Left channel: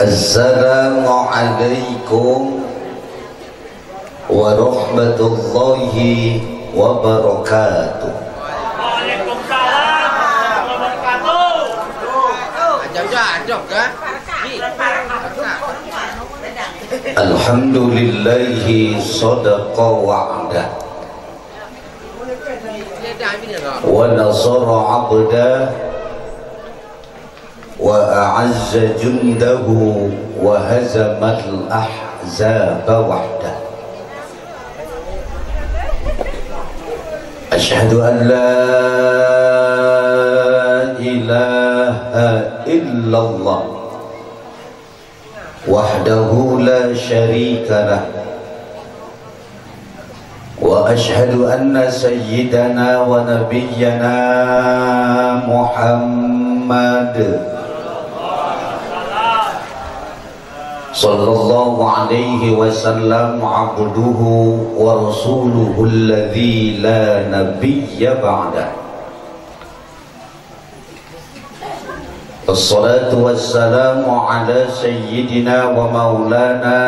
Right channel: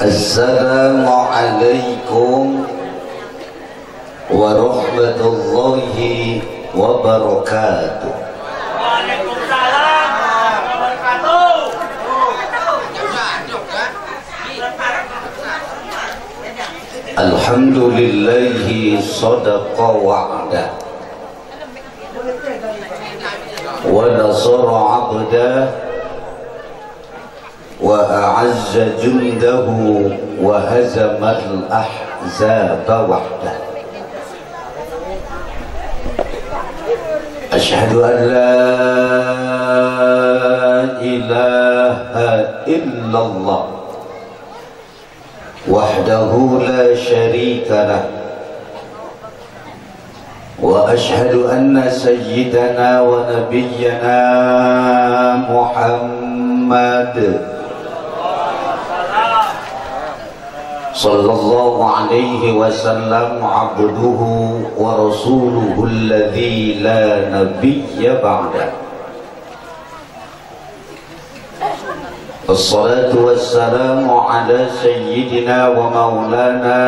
Assalamualaikum warahmatullahi wabarakatuh. Waalaikumsalam warahmatullahi wabarakatuh. Alhamdulillahi sadaqa wa'ada wa nasara 'abdah wa a'azza jundahu wa hazamal ahzaba wahda. Asyhadu an la ilaha illallah wahdahu la syarika lah wa asyhadu anna sayyidana wa nabiyyana Muhammad sallallahu alaihi wasallam abduhu wa rasuluhu alladzi la nabiyya ba'da. Wassalatu wassalamu ala sayyidina wa maulana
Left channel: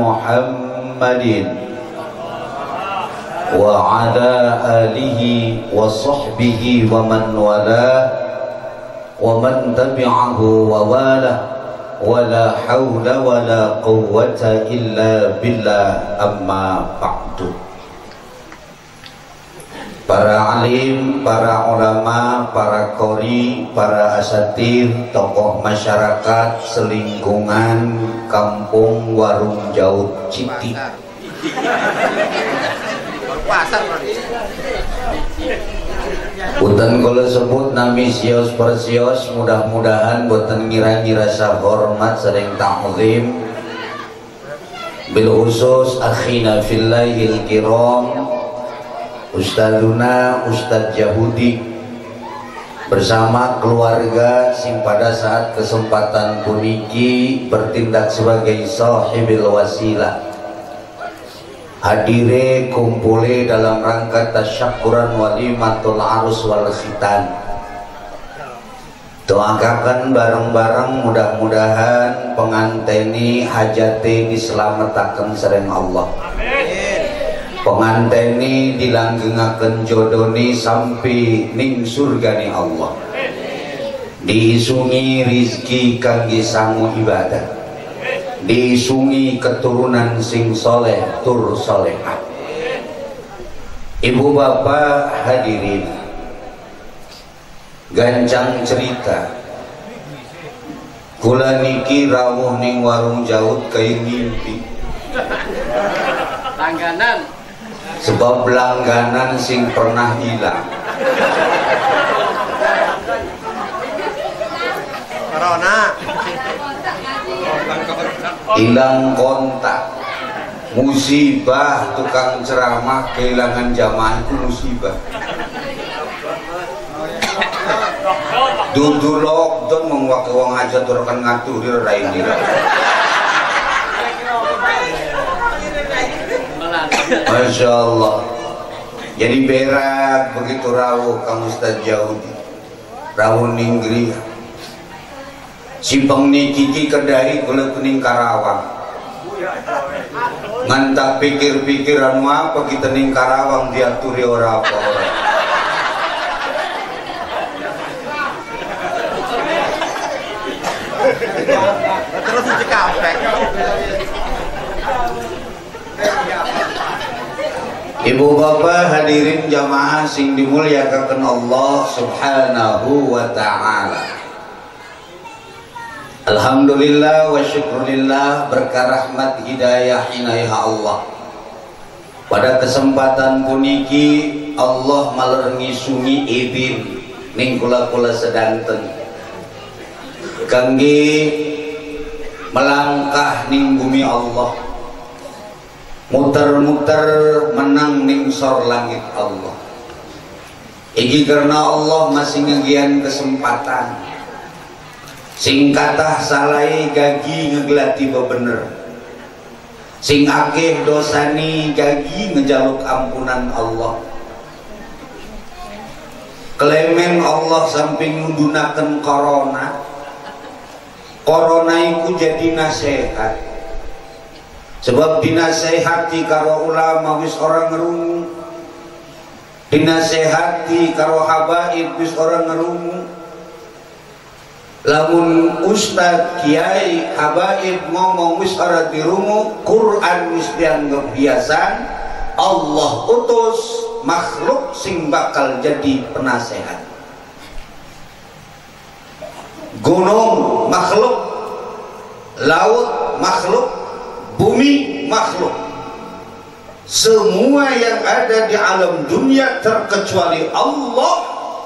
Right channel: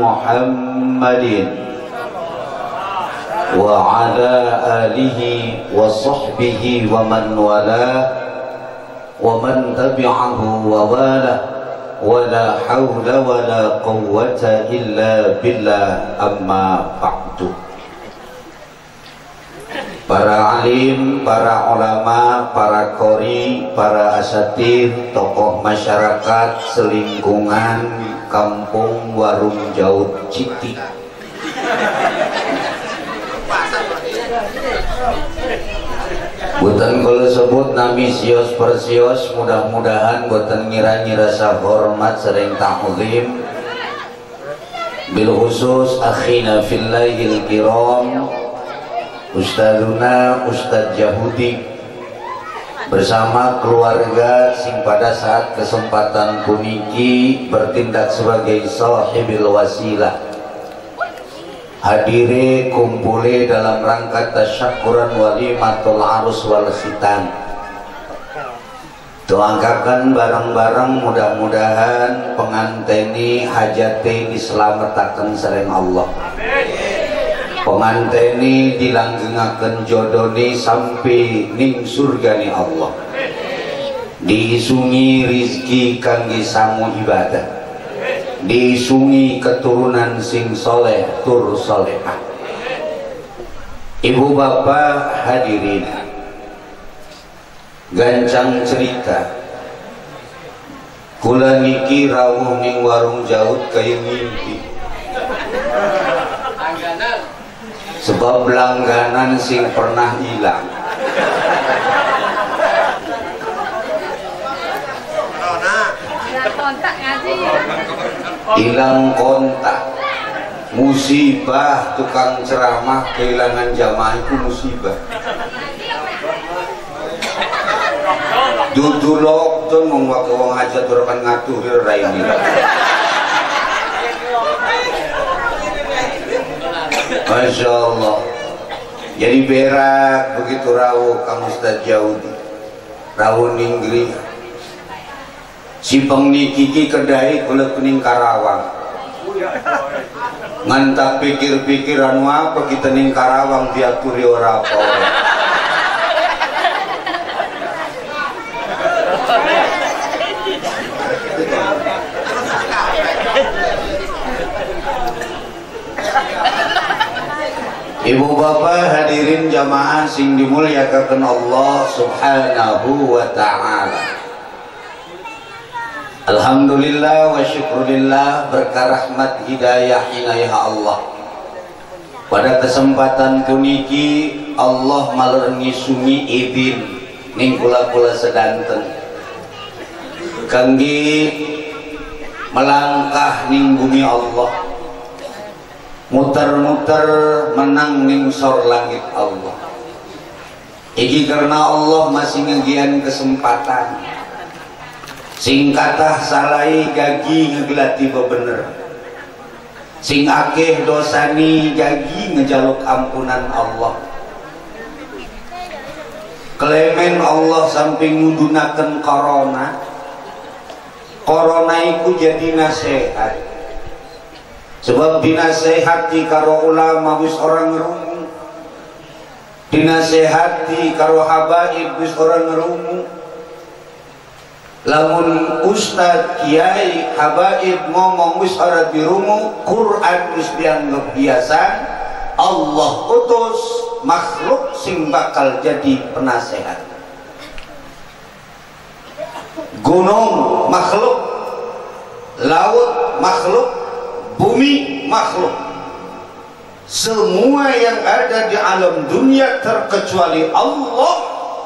Muhammadin wa ala alihi wa sahbihi wa man wala wa man tabi'ahu wa wala wala hawla wala quwwata illa billah, amma ba'du. Para alim, para ulama, para qori, para asatir, tokoh masyarakat selingkungan kampung Warung Jaut Citi, boten kula sebut nami sios persios, mudah-mudahan boten ngira-ngira hormat sering ta'zim. Bil khusus akhina fillahil kiram Ustaduna Ustadz Yahudi bersama keluarga sing pada saat kesempatan puniki bertindak sebagai sahibil wasilah, hadire kumpule dalam rangka tasyakuran walimatul arus wal khitan. Doakan bareng-bareng mudah-mudahan penganteni hajate dislametaken sareng Allah. Penganteni dilanggengaken jodoni sampai ning surgani Allah. Diisungi rizki kangge samu ibadah. Diisungi keturunan sing soleh tur solehah. Ibu bapak hadirin, gancang cerita kula niki rawuh ning Warung Jaut kayu mimpi. Langganan, sebab langganan sing pernah hilang. Hilang kontak, musibah, tukang ceramah kehilangan jamaah itu musibah. Dudu lockdown mengwake wong aja turkan ngatur raini. Masya Allah. Jadi berak begitu rawuh Kang Ustadz Jaudi, rawuh ninggri Simpang niki kedai kula kuning Karawang. Ngantap pikir-pikiran apa kita ning Karawang diaturi ora apa. Ibu bapak hadirin jamaah sing dimuliakan Allah subhanahu wa ta'ala. Alhamdulillah wa syukurillah, berkah rahmat hidayah inayah Allah. Pada kesempatan puniki Allah malerni sungi idin ning kula-kula sedanten kangge melangkah ning bumi Allah, muter-muter menang ning sor langit Allah. Iki karena Allah masih ngegian kesempatan. Sing katah salai gagi ngeglati bener, sing akeh dosani gagi ngejaluk ampunan Allah. Klemen Allah samping ngudunaken corona, corona iku jadi nasihat. Sebab dinasehati karo ulama wis orang ngerungu, dinasehati karo habaib wis orang ngerungu. Lamun ustad kiai habaib ngomong wis ora dirungu, Quran wis dianggap biasa, Allah utus makhluk sing bakal jadi penasehat. Gunung makhluk, laut makhluk, bumi makhluk. Semua yang ada di alam dunia terkecuali Allah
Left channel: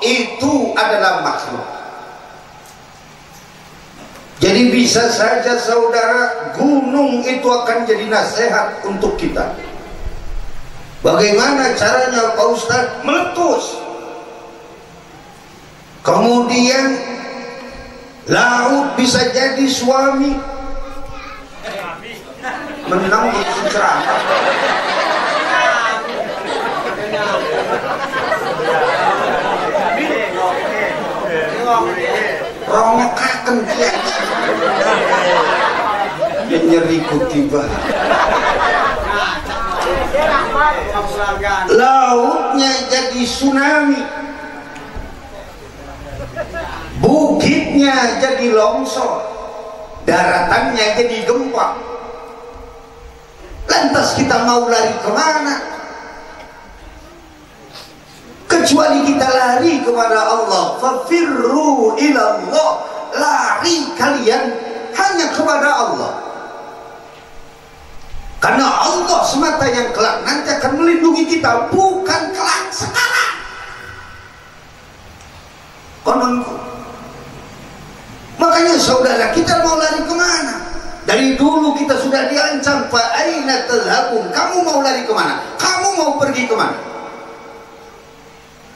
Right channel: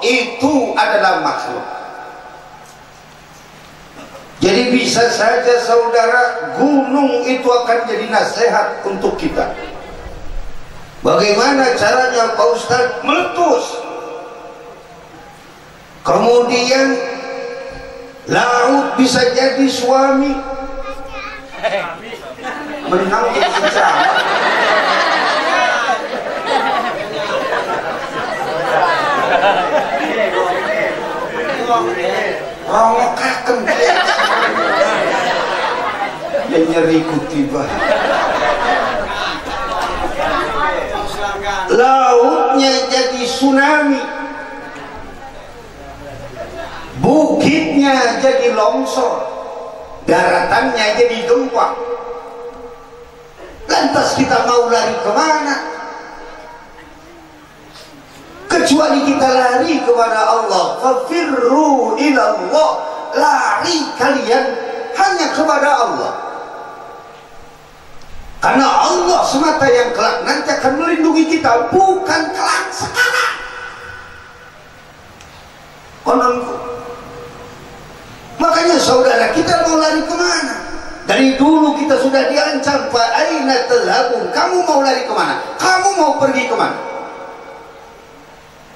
itu adalah makhluk. Jadi bisa saja saudara, gunung itu akan jadi nasihat untuk kita. Bagaimana caranya Pak Ustadz? Meletus. Kemudian laut bisa jadi suami. Menang itu ceramah. Rongokaken yang nyeriku tiba. Lautnya jadi tsunami, bukitnya jadi longsor, daratannya jadi gempa. Lantas kita mau lari kemana? Kecuali kita lari kepada Allah. Fafirru ilallah, lari kalian hanya kepada Allah. Karena Allah semata yang kelak nanti akan melindungi kita, bukan kelak sekarang. Kononku. Makanya saudara, kita mau lari kemana? Dari dulu kita sudah diancam, fa aina tadhhabun? Kamu mau lari kemana? Kamu mau pergi kemana?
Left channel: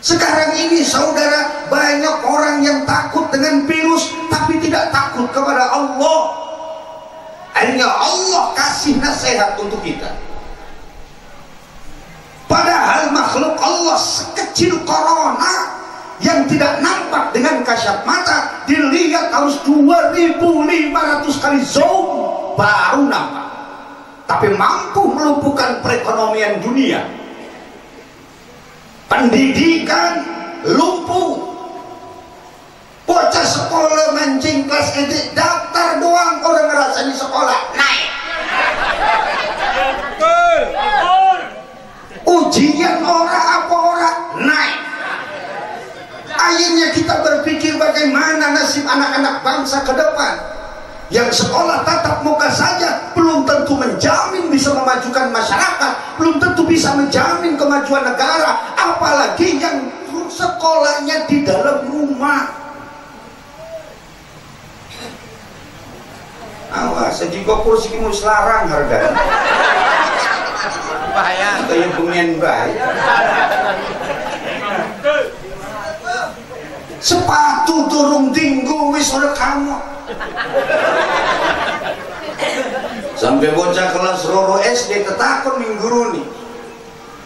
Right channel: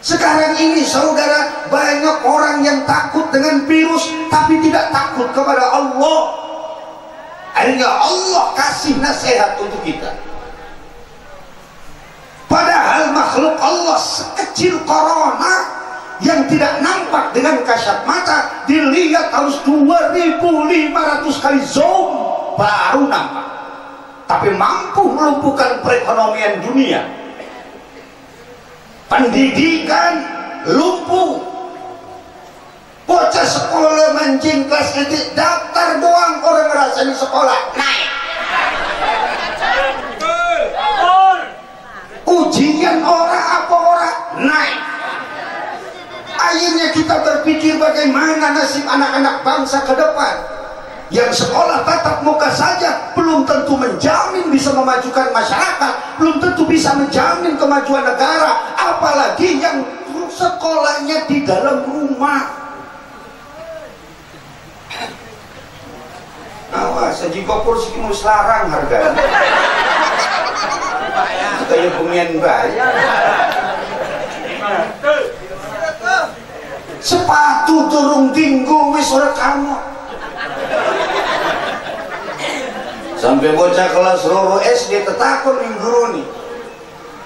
Sekarang ini saudara, banyak orang yang takut dengan virus tapi tidak takut kepada Allah. Akhirnya Allah kasih nasihat untuk kita. Padahal makhluk Allah sekecil corona yang tidak nampak dengan kasat mata, dilihat harus 2.500 kali zoom baru nampak. Tapi mampu melumpuhkan perekonomian dunia. Pendidikan lumpuh. Bocah sekolah mancing kelas SD, daftar doang orang ngerasain sekolah naik. Ujian orang apa orang naik. Akhirnya kita berpikir bagaimana nasib anak-anak bangsa ke depan. Yang sekolah tatap muka saja belum tentu menjamin bisa memajukan masyarakat, belum tentu bisa menjamin kemajuan negara, apalagi yang sekolahnya di dalam rumah. Awas, sejika kursi mau selarang harga. Kayak pengen bayar. Sepatu turung tinggu wis ora kamu. Sampai bocah kelas loro SD ketakut nih guru nih.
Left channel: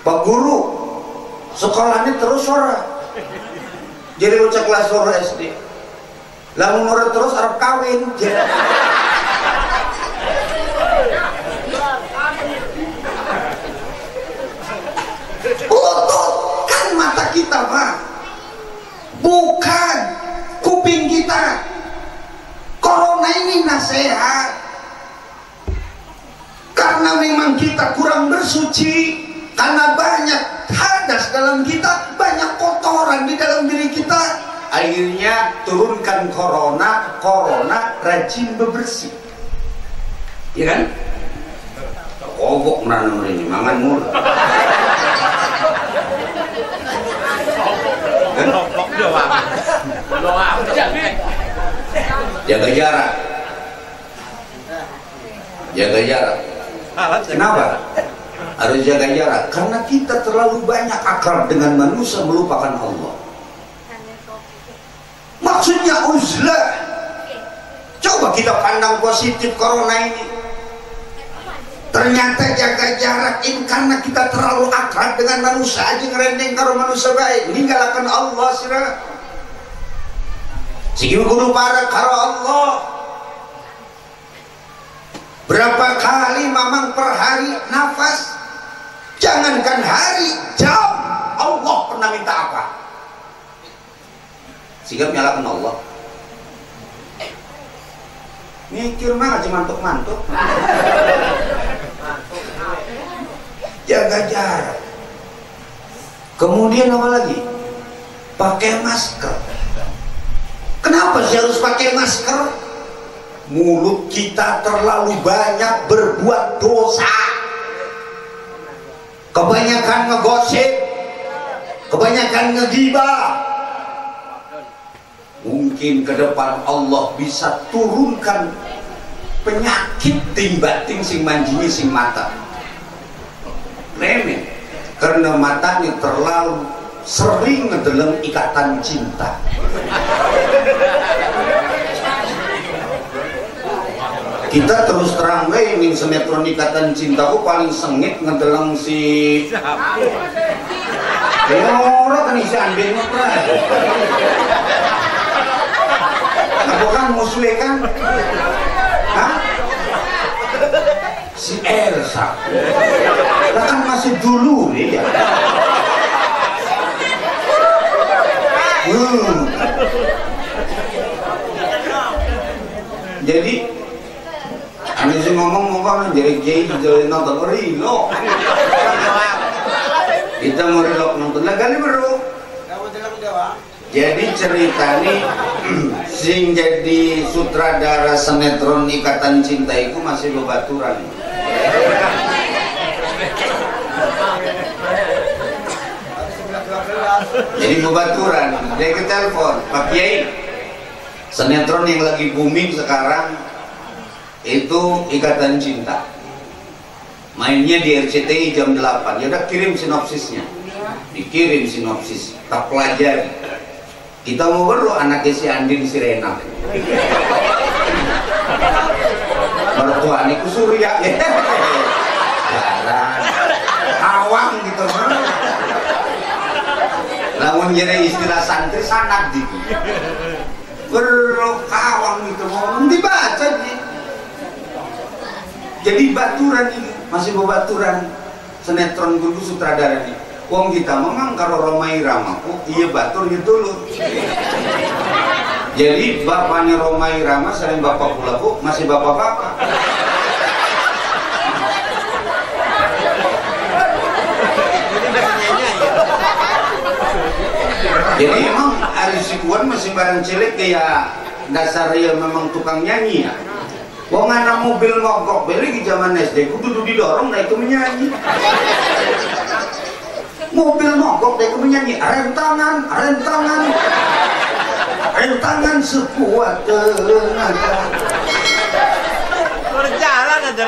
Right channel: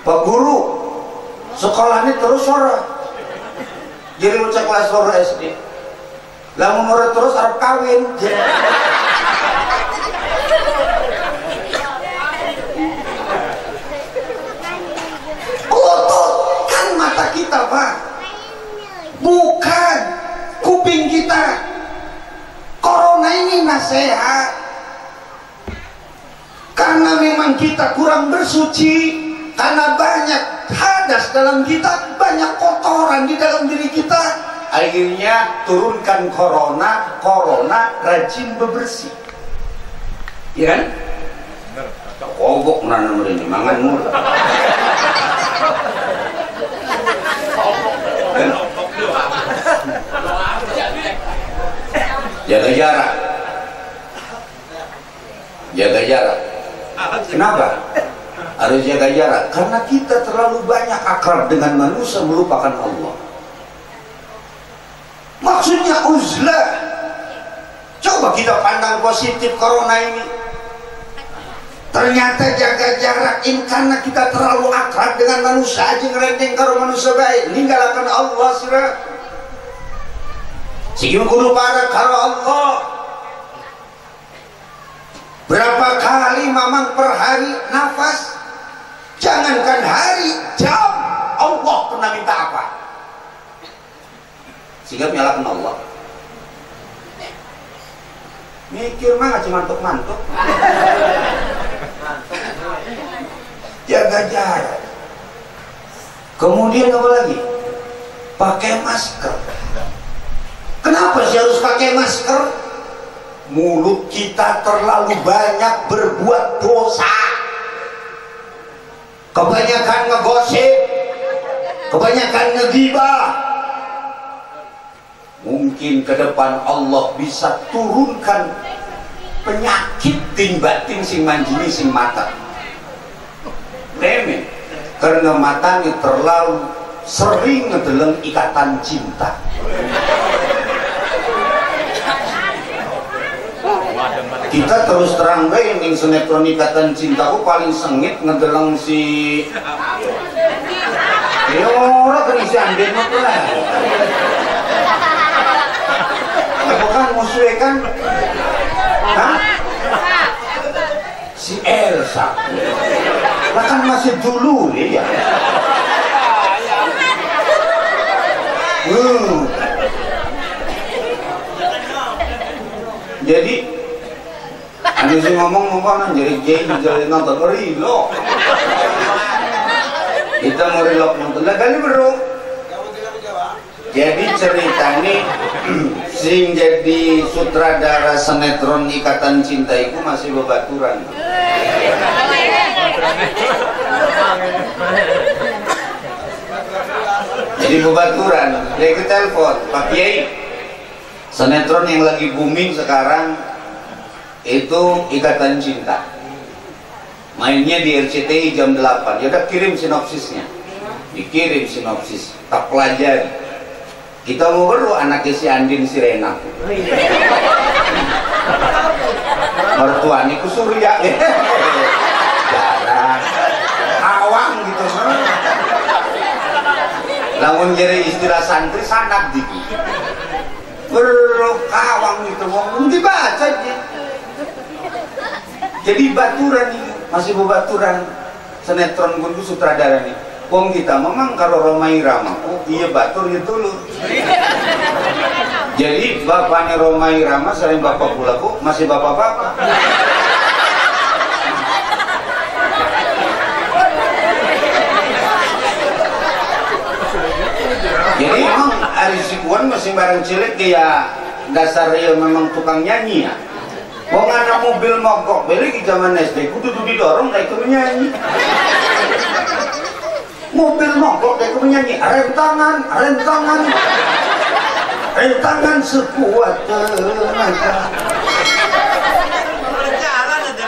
Pak guru, sekolahnya terus ora. Jadi bocah kelas loro SD. Lamun ora terus arep kawin. Kan mata kita, Pak. Bukan kuping kita. Corona ini nasihat. Karena memang kita kurang bersuci, karena banyak hadas dalam kita, banyak kotoran di dalam diri kita. Akhirnya turunkan corona rajin bebersih. Iya kan? Kobok nanam ini, mangan murah. Jaga jarak. Jaga jarak. Kenapa? Harus jaga jarak. Karena kita terlalu banyak akrab dengan manusia, melupakan Allah. Maksudnya uzlah. Coba kita pandang positif corona ini. Ternyata jaga jarak ini karena kita terlalu akrab dengan manusia aja, ngerendeng karo manusia baik, ninggalkan Allah sira. Sing kudu pada karo Allah. kali mamang per hari nafas. Jangankan hari, jam. Allah pernah minta apa? Sehingga menyalahkan Allah. Mikir mah cuma mantuk-mantuk. Jaga jarak. Kemudian apa lagi? Pakai masker. Kenapa sih harus pakai masker? Mulut kita terlalu banyak berbuat dosa. Kebanyakan ngegosip, kebanyakan ngegibah. Mungkin ke depan Allah bisa turunkan penyakit timbatin sing manjini sing mata. Remeh, karena matanya terlalu sering ngedeleng ikatan cinta. Kita terus terang ingin sinetron ikatan cintaku paling sengit ngedeleng si orang kan isi ambil lah. Bukan musuhnya kan? Hah? Si Elsa. Kan masih dulu ya. Jadi ini ngomong apa jadi nonton Rilo. Kita mau Rilo nonton lagi bro. Jadi cerita ini sing jadi sutradara sinetron Ikatan Cinta itu masih bebaturan. Jadi bebaturan, dia ke telepon, Pak Kiai, sinetron yang lagi booming sekarang itu Ikatan Cinta. Mainnya di RCTI jam 8. Ya udah kirim sinopsisnya. Dikirim sinopsis, tak pelajari. Kita mau perlu anaknya si Andin si Rena. Mertuanya ku Surya ya. Jarang. Awang gitu mah. Lamun jadi istilah santri sangat dikit. Perlu kawang gitu mau dibaca aja. Jadi baturan ini masih bebaturan sinetron kudu sutradara nih. Wong kita memang kalau Romai Rama, oh iya batur gitu loh. Jadi bapaknya Romai Rama selain bapak pula bu, masih bapak-bapak. Jadi memang Aris Ibuan masih bareng cilik dia dasar real memang tukang nyanyi ya. Wong anak mobil mogok beli di zaman SD, kudu didorong dah itu menyanyi. Mobil mogok dah itu menyanyi, rentangan, rentangan, rentangan sekuat tenaga. Jalan aja.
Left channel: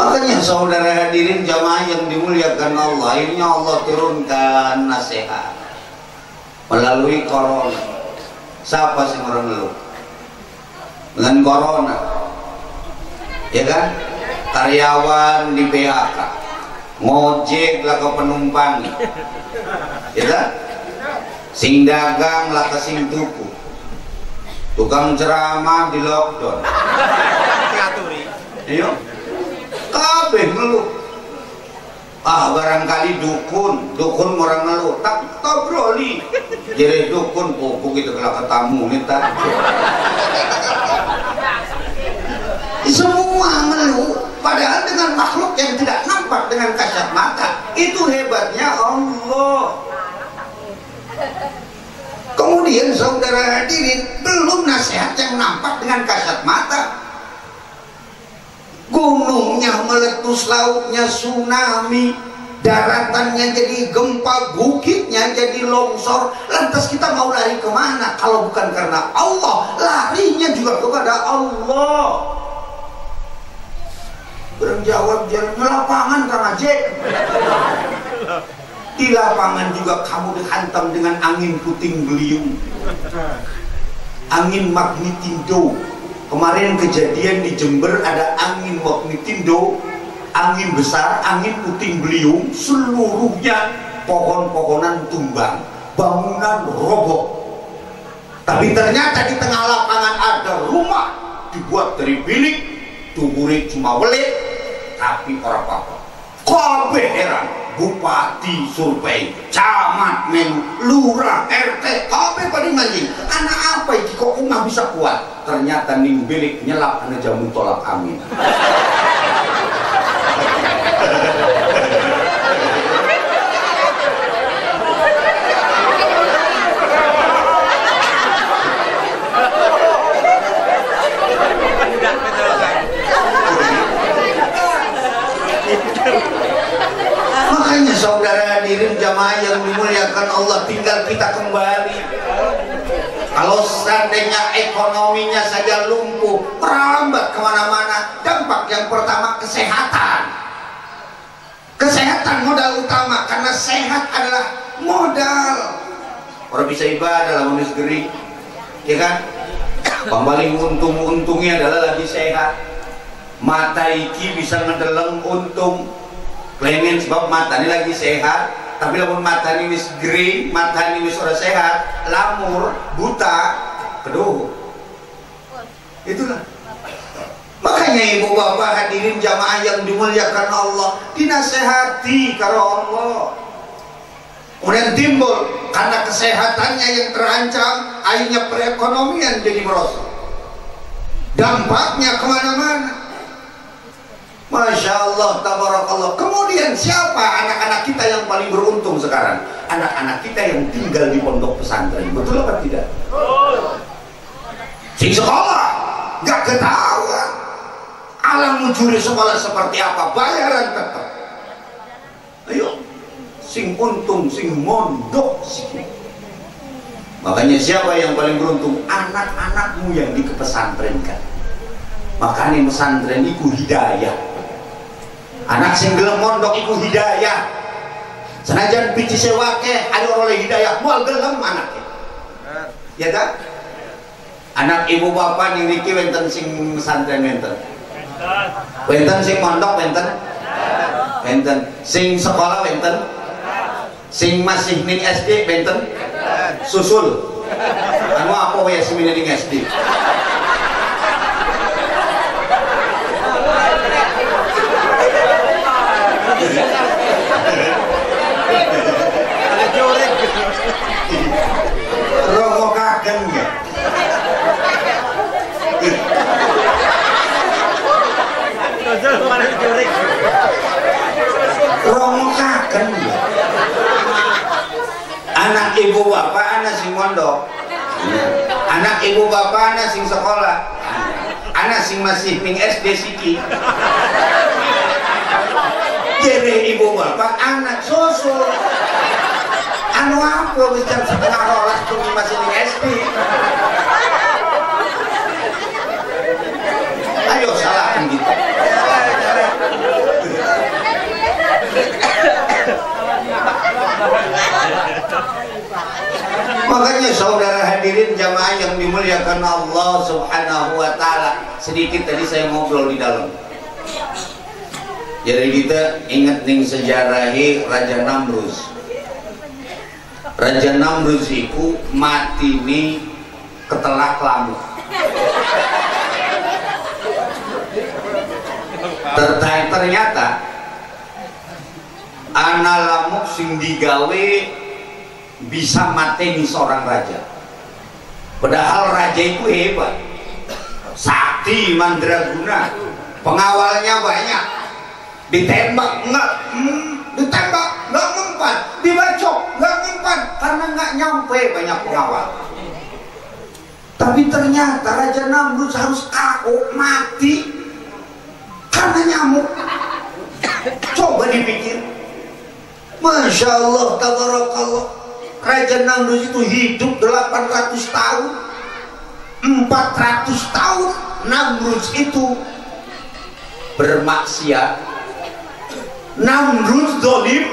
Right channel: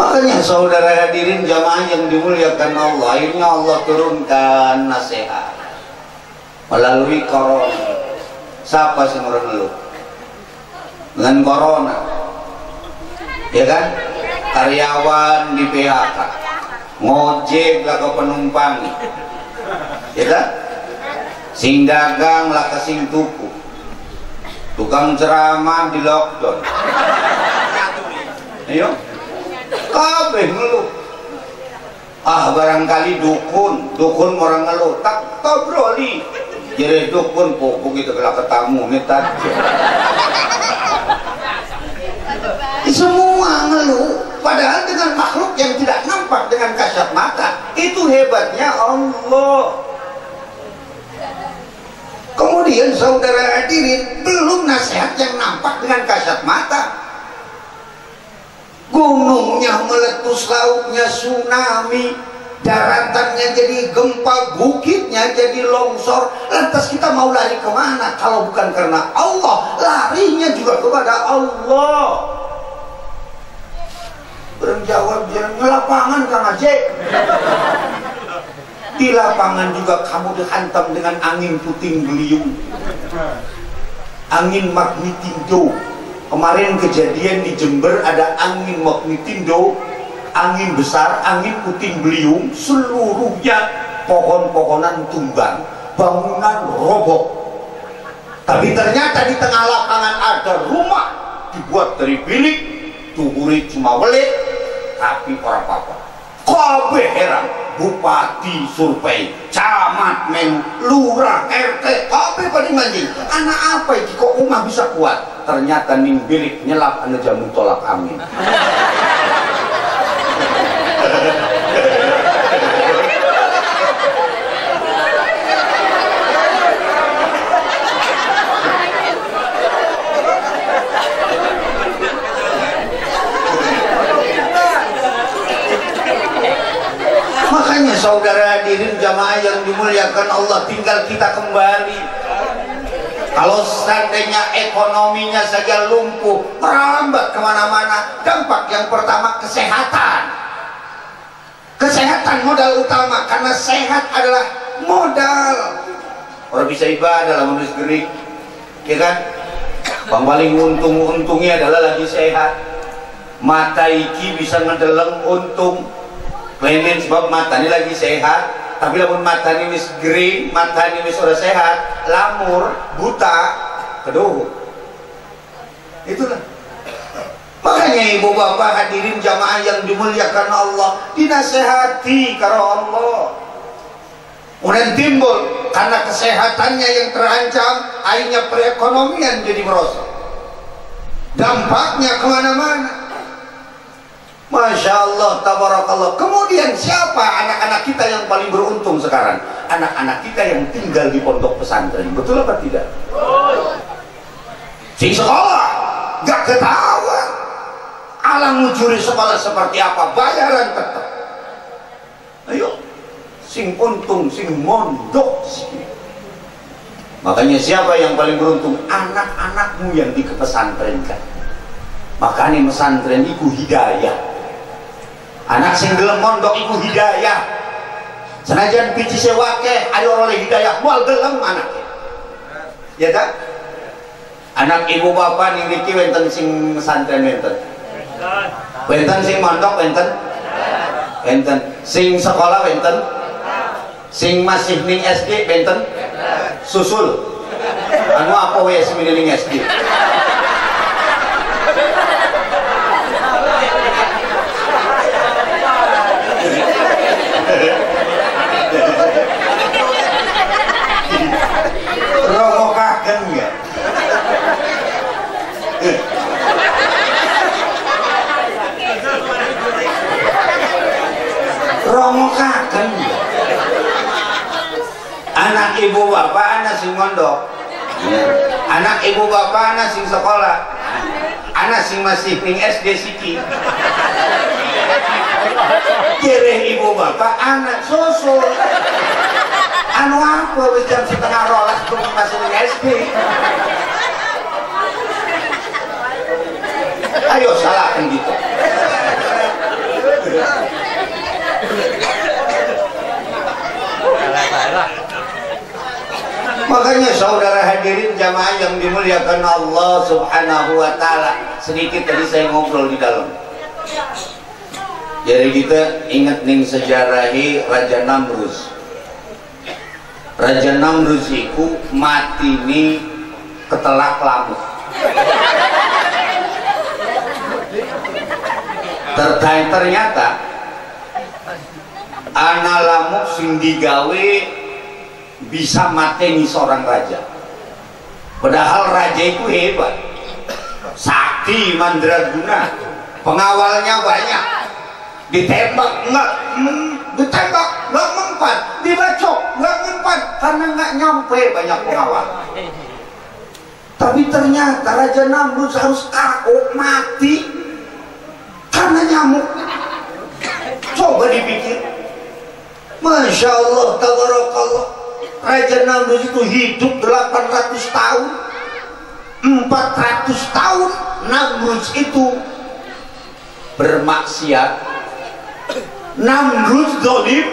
Makanya saudara hadirin jamaah yang dimuliakan Allah, akhirnya Allah turunkan nasihat melalui corona. Siapa sih orang ngeluh dengan corona? Ya kan? Karyawan di PHK, ngojek lah ke penumpang, ya kan? Sing dagang lah ke sing tuku, tukang ceramah di lockdown. Ayo. Kabeh ngeluh. Ah barangkali dukun orang ngeluh. Tak broli. Jadi dukun kok begitu kalau ketemu minta. Semua ngeluh. Padahal dengan makhluk yang tidak nampak dengan kasat mata. Itu hebatnya Allah. Kemudian saudara hadirin, belum nasihat yang nampak dengan kasat mata. Gunungnya meletus, lautnya tsunami, daratannya jadi gempa, bukitnya jadi longsor. Lantas kita mau lari kemana kalau bukan karena Allah? Larinya juga kepada Allah. Berjawab jalan lapangan Kang Aceh. Di lapangan juga kamu dihantam dengan angin puting beliung, angin magnitudo. Kemarin kejadian di Jember ada angin magnitudo, angin besar, angin puting beliung, seluruhnya pohon-pohonan tumbang, bangunan roboh. Tapi ternyata di tengah lapangan ada rumah dibuat dari bilik, tuhuri cuma welit, tapi orang apa-apa. Kabeh heran, bupati survei, camat men, lurah, RT, kabeh pada manjing. Anak apa ini kok umah bisa kuat? Ternyata ning bilik nyelap anu jamu tolak angin. Makanya saudara hadirin jamaah yang dimuliakan Allah, tinggal kita kembali. Kalau seandainya ekonominya saja lumpuh, merambat kemana-mana, dampak yang pertama kesehatan. Kesehatan modal utama, karena sehat adalah modal. Orang bisa ibadah lamun geus geuring, ya kan? Paling untungnya adalah lagi sehat. Mata iki bisa ngedeleng untung. Lainnya sebab mata ini lagi sehat, tapi lamun mata ini wis gering, mata ini wis ora sehat, lamur, buta, keduh. Itulah. Makanya ibu bapak hadirin jamaah yang dimuliakan Allah, dinasehati karo Allah. Kemudian timbul karena kesehatannya yang terancam, akhirnya perekonomian jadi merosot. Dampaknya kemana-mana. Masya Allah, tabarakallah. Kemudian siapa anak-anak kita yang paling beruntung sekarang? Anak-anak kita yang tinggal di pondok pesantren. Betul apa tidak? Sing sekolah gak ketahuan. Alam mencuri sekolah seperti apa? Bayaran tetap. Ayo, sing untung, sing mondok sih. Makanya siapa yang paling beruntung? Anak-anakmu yang dikepesantrenkan. Makanya pesantren itu hidayah. Anak sing gelem mondok iku hidayah. Senajan biji sewake ayo oleh hidayah moal gelem anaknya. Ya tak? Anak ibu bapak ning niki wonten sing pesantren wonten. Wonten sing mondok wonten. Wonten sing sekolah wonten. Sing masih ning SD wonten. Susul. Anu apa wae sing ning SD? Romokaken anak ibu bapak anak sing mondok, anak ibu bapak anak sing sekolah, anak sing masih ning SD siki. Jere ibu bapak anak susul. Anu apa wis jam 11:30 masih ning SD. Ayo salahkan gitu. Makanya saudara hadirin jamaah yang dimuliakan Allah Subhanahu wa taala, sedikit tadi saya ngobrol di dalam. Jadi kita ingat ning sejarahi Raja Namrus. Raja Namrus iku mati ni ketelak lamuk. Ternyata ana lamuk sing digawe bisa mateni seorang raja. Padahal raja itu hebat, sakti mandraguna, pengawalnya banyak, ditembak nggak mempan, dibacok nggak mempan karena nggak nyampe banyak pengawal. Tapi ternyata Raja Namrus harus KO mati karena nyamuk. Coba dipikir. Masya Allah, tabarakallah. Raja Namrus itu hidup 800 tahun, 400 tahun Namrus itu bermaksiat, Namrus zalim,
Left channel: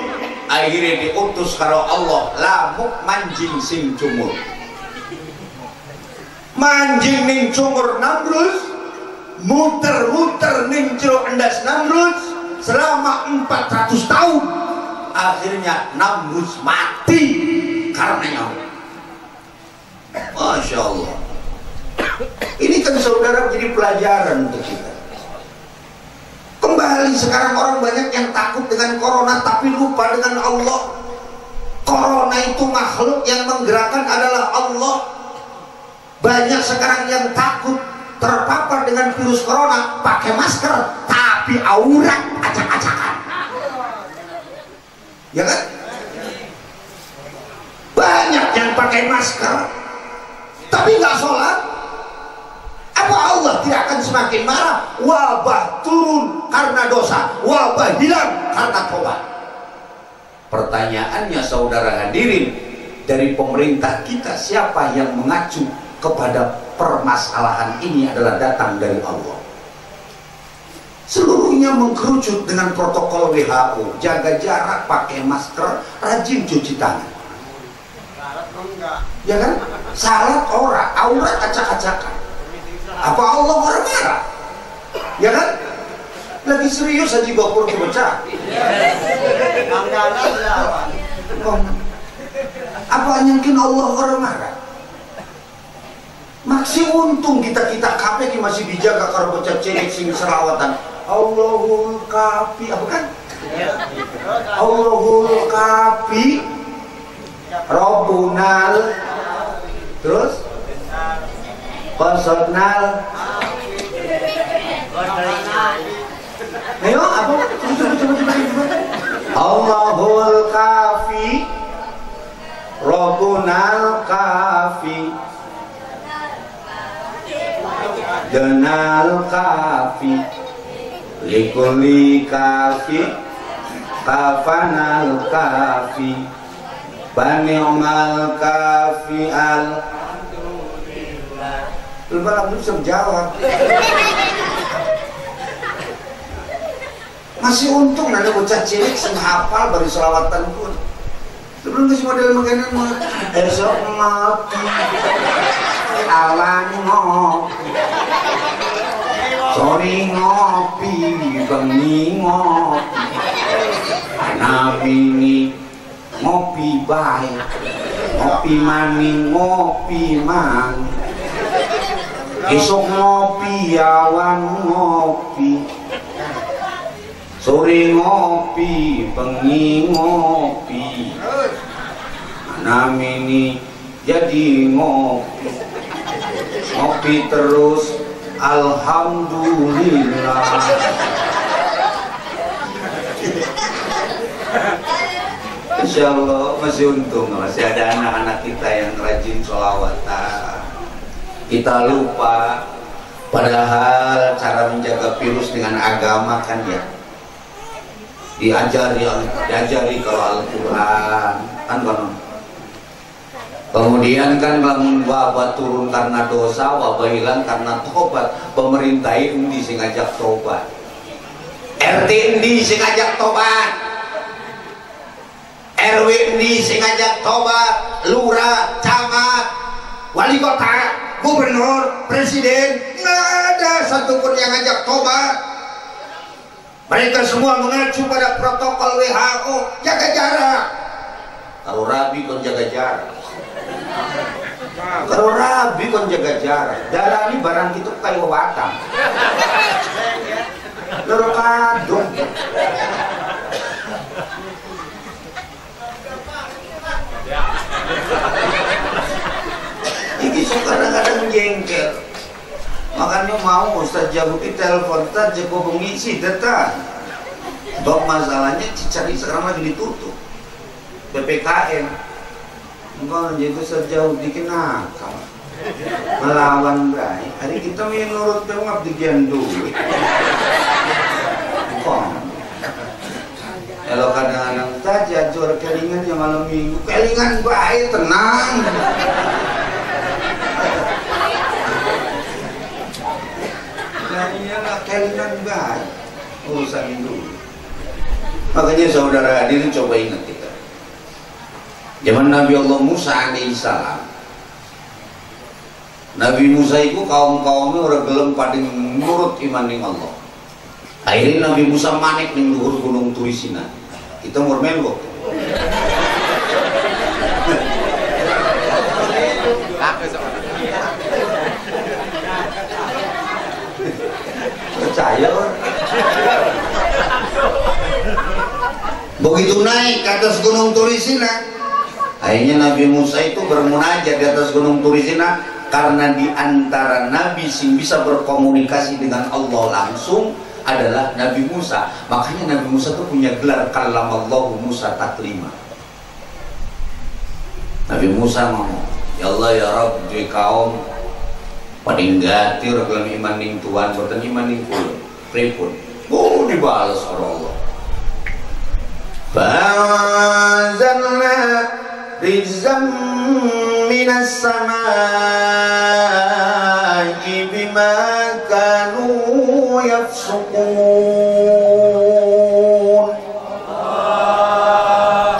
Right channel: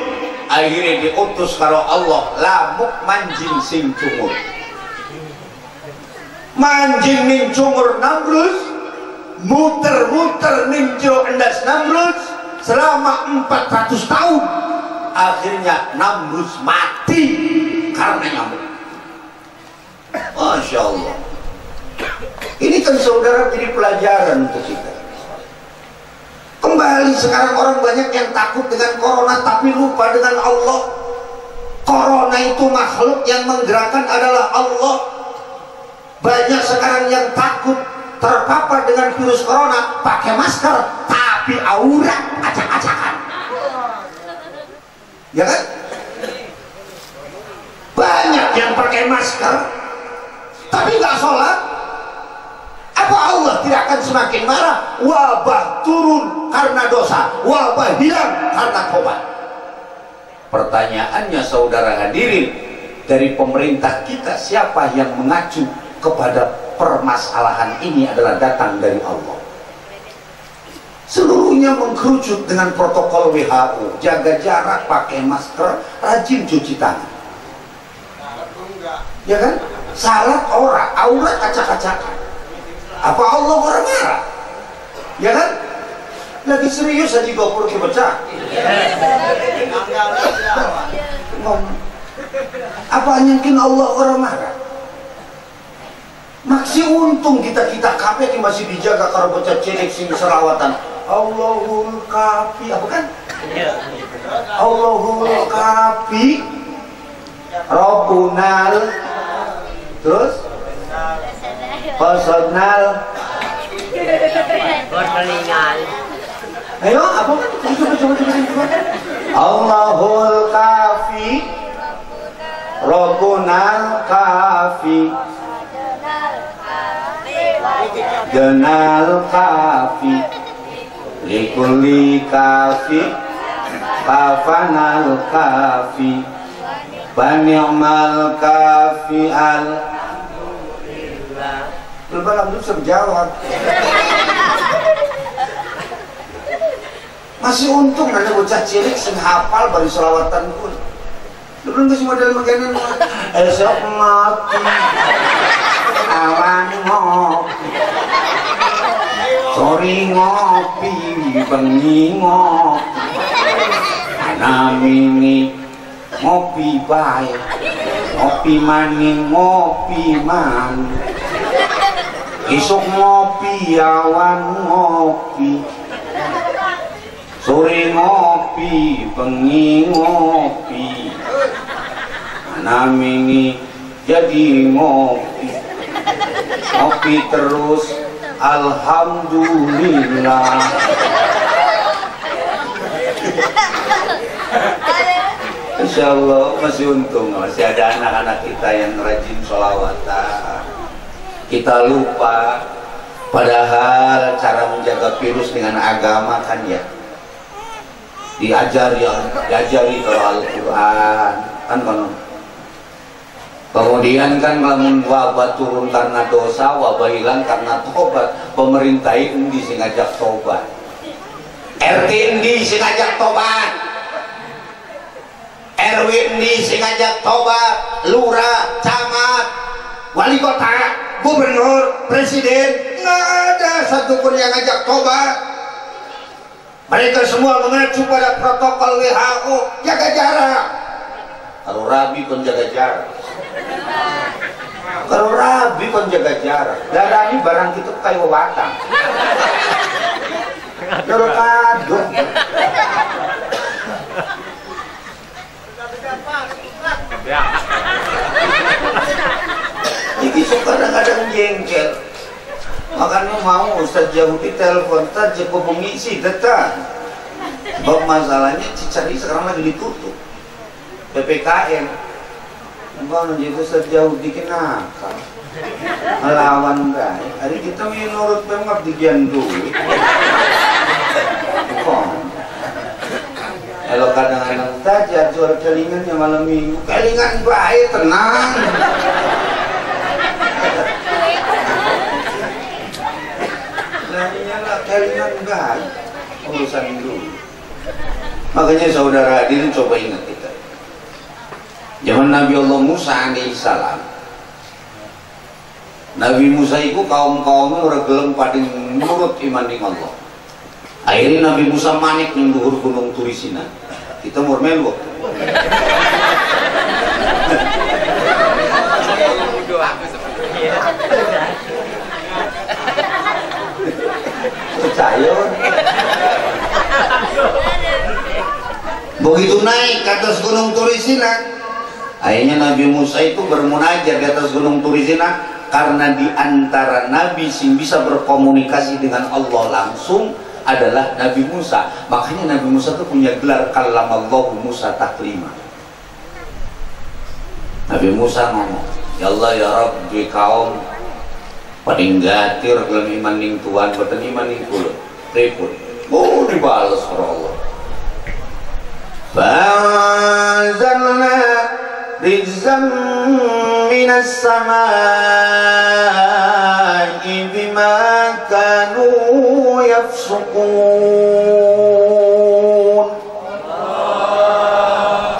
akhirnya diutus kalau Allah lamuk manjing sing cumur. Manjing ning cumur Namrus, muter-muter ning jero endas Namrus selama 400 tahun. Akhirnya Namrus mati karena nyamuk. Masya Allah. Ini kan saudara jadi pelajaran untuk kita. Kembali sekarang orang banyak yang takut dengan corona tapi lupa dengan Allah. Corona itu makhluk yang menggerakkan adalah Allah. Banyak sekarang yang takut terpapar dengan virus corona pakai masker tapi aurat acak-acakan. Ya kan? Banyak yang pakai masker tapi nggak sholat. Apa Allah tidak akan semakin marah? Wabah turun karena dosa, wabah hilang karena tobat. Pertanyaannya saudara hadirin, dari pemerintah kita siapa yang mengacu kepada permasalahan ini adalah datang dari Allah. Seluruhnya mengkerucut dengan protokol WHO, jaga jarak, pakai masker, rajin cuci tangan. Ya kan? Salat orang, aurat acak-acakan. Apa Allah orang marah? Ya kan? Lagi serius aja gopur dipecah. Apa mungkin Allah orang marah? Masih untung kita KPK masih dijaga kalau bocah cilik sing selawatan. Allahul kafi, apa kan? Allahul kafi, Rabbunal, terus Basarnal. Ayo, apa? Coba. Allahul kafi, Rabbunal kafi, Denal kafi, likulli kafi, kafanal kafi, bani'mal kafi al. Belum bisa jawab. Masih untung ada bocah cilik sing hafal bari selawatan pun. Sebelum itu model makanan esok mati awan ngopi, sore ngopi, bengi ngopi, namini ngopi bae, ngopi maning ngopi man, esok ngopi awan ngopi, sore ngopi, bengi ngopi, namini jadi ngopi, ngopi terus, alhamdulillah. Insya Allah masih untung masih ada anak-anak kita yang rajin sholawatan. Kita lupa, padahal cara menjaga virus dengan agama kan ya diajari kalau Al-Quran kan kan. Kemudian kan bangun wabah turun karena dosa, wabah hilang karena tobat. Pemerintah ini sing ngajak tobat, RT ini sing ngajak tobat, RW ini sing ngajak tobat, lurah, camat, wali kota, gubernur, presiden, nggak ada satupun yang ngajak tobat. Mereka semua mengacu pada protokol WHO, jaga jarak. Kalau rabi kon jaga jarak. Kalau rabi kon jaga jarak. Darah ini barang itu kayak watang. Darah kadung. Jadi kadang-kadang jengkel. Makanya mau Ustaz Jahuti telepon saja mengisi data. Sebab masalahnya Cicari sekarang lagi ditutup PPKM. Enggak jadi Ustaz Jahuti kenapa melawan baik. Hari kita menurut pemap digian duit. Kalau kadang-kadang saja jual kelingannya malam minggu, kelingan baik tenang. Nah iyalah kelingan baik urusan dulu. Makanya saudara hadirin coba ingat kita. Zaman Nabi Allah Musa alaihissalam. Nabi Musa itu kaum-kaumnya orang gelem pada nurut iman ning Allah. Akhirnya Nabi Musa manik ning luhur gunung Turisina. Kita murmen kok. gunung Turisina. Akhirnya Nabi Musa itu bermunajat di atas gunung Turisina, karena di antara nabi yang bisa berkomunikasi dengan Allah langsung adalah Nabi Musa. Makanya Nabi Musa itu punya gelar kallamallahu Musa taklima. Nabi Musa ngomong, ya Allah ya Rabb, di kaum paling gatir dalam iman ning Tuhan, buatan iman ning kula pripun. Oh, dibalas oleh Allah. Fa'anzalna rizqan minas samaa'i bima kanu yafsukun.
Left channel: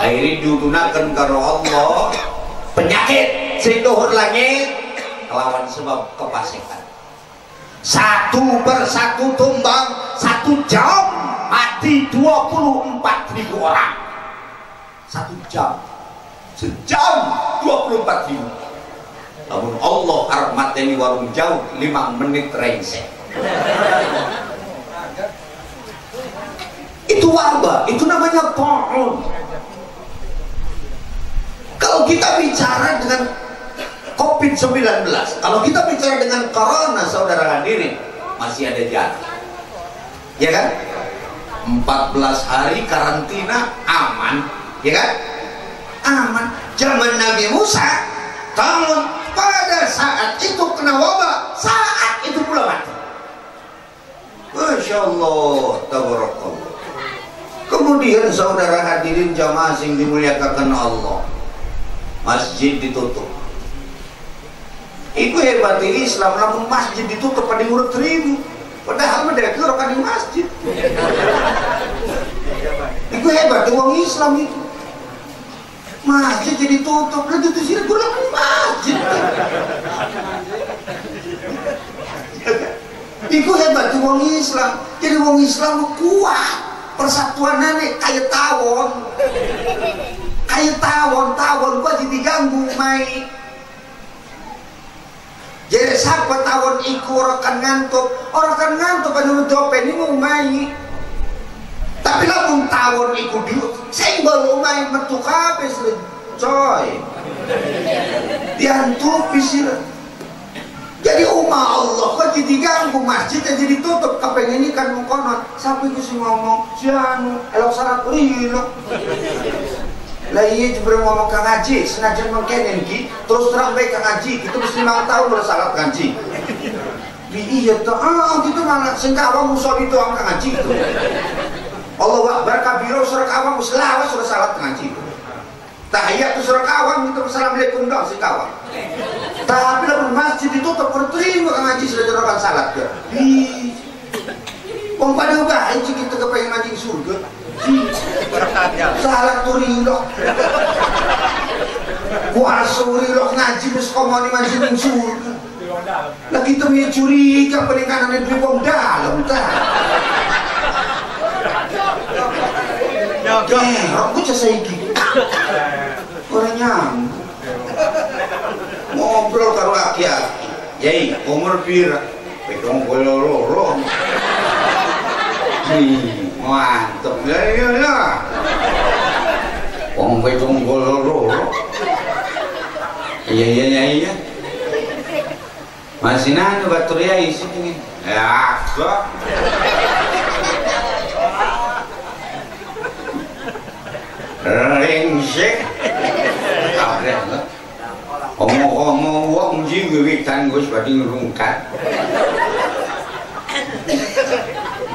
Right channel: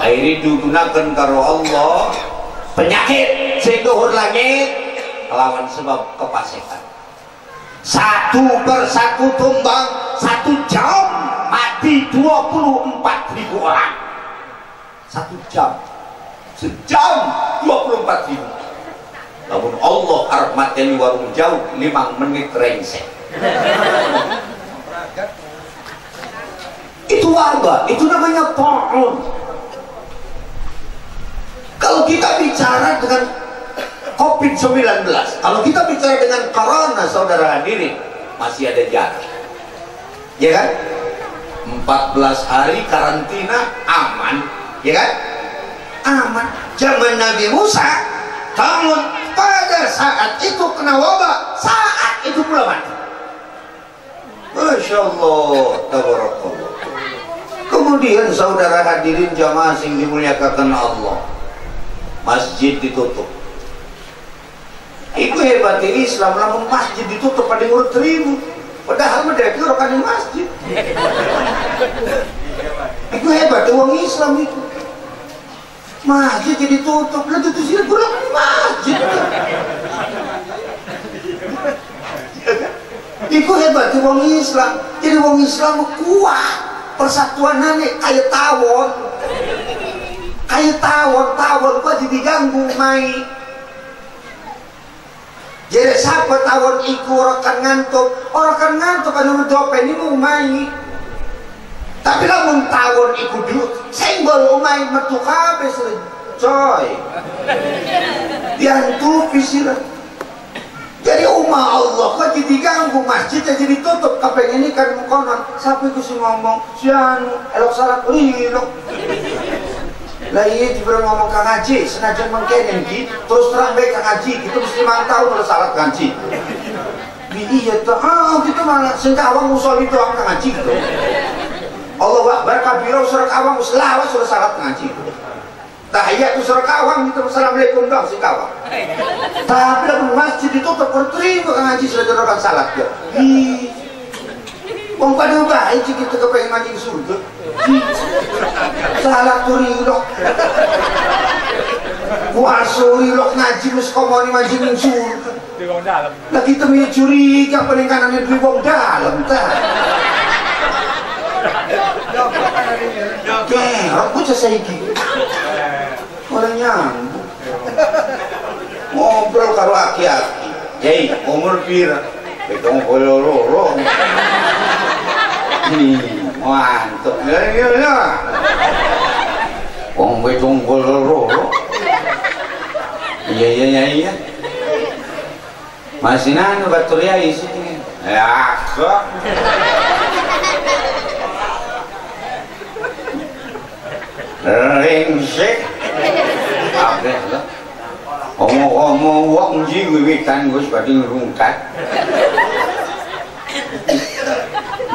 Akhirnya diudunakan karo Allah penyakit sing tuhur langit lawan sebab kepasikan. Satu persatu tumbang, 1 jam mati 24.000 orang. 1 jam, sejam 24.000. Namun Allah arep mateni warung jauh 5 menit rengsek. Itu wabah, itu namanya ta'un. Kalau kita bicara dengan COVID-19, kalau kita bicara dengan corona, saudara hadirin, masih ada jarak, ya kan? 14 hari karantina aman, ya kan? Aman. Zaman Nabi Musa, namun pada saat itu kena wabah, saat itu pula mati. Masya Allah, tabarakallah. Kemudian saudara hadirin jamaah yang dimuliakan Allah, masjid ditutup. Itu hebat ini Islam, namun masjid ditutup pada urut 1000. Padahal mereka orang di masjid. Itu hebat uang Islam itu. Masjid jadi tutup, lagi itu sih kurang di masjid. Itu hebat uang Islam. Jadi uang Islam kuat. Persatuan nenek kayak tawon. Kayak tawon gua jadi diganggu main. Jadi siapa tawon iku orang kan ngantuk kan nutup ini mau main. Tapi lamun tawon iku dulu senggol main metu kabeh coy. Diantupi sih. Jadi umat Allah kok jadi ganggu masjid jadi tutup kepengen ini kan mengkonon. Siapa iku sih ngomong si anu elok salat rilok. Lah iya itu belum ngomong Kang Haji, senajan mengkenen ki, terus terang baik Kang Haji, itu mesti 5 tahun bersalat Kang Haji. Iya tuh, gitu malah sengkawang musuh itu Kang Haji gitu. Allah Akbar kabiro surat awang selawas surat salat Kang Haji. Tahiyat itu surat awang itu assalamualaikum dong sengkawang. Tapi lalu masjid ditutup berterima Kang Haji sudah terlalu salat ya. Wong pada baik kita kepengen mati di surga. Salah turilok. Kuasurilok ngaji mus komoni mati di surga. Lagi temui curiga peningkatannya di wong dalam tah. Aku selesai gitu. Orang nyambung. Ngobrol karo aki-aki. Yai, umur pira? Betong koloro. Mantap ya. Wong betong koloro. Iya. Masih nang batur ya isi ini. Ya, so. Rengsek. Apa lah? Omong-omong wong jiwitan Gus badhe ngrungkat.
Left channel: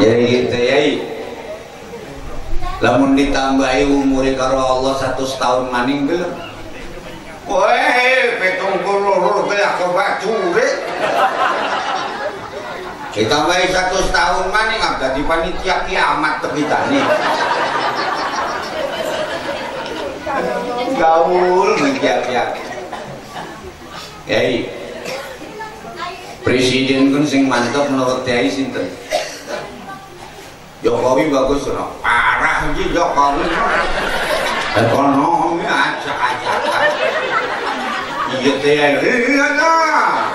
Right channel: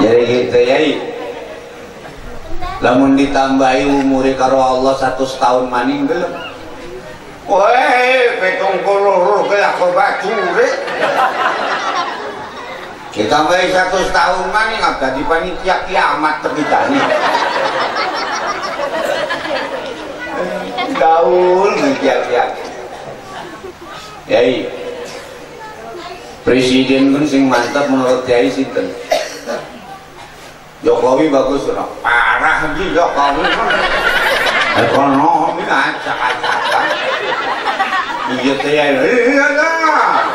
Jadi gitu ya. Lamun ditambahi umure karo Allah 100 tahun maning belum. Weh, petong kolor kayak apa bajure. Ditambahi 100 tahun maning agak di panitia kiamat terbitani. Gaul ngejar-jar. Yai. Presiden kan sing mantap menurut Yai sinten? Jokowi bagus loh, parah sih Jokowi. Ekonomi acak-acakan. Iya lah.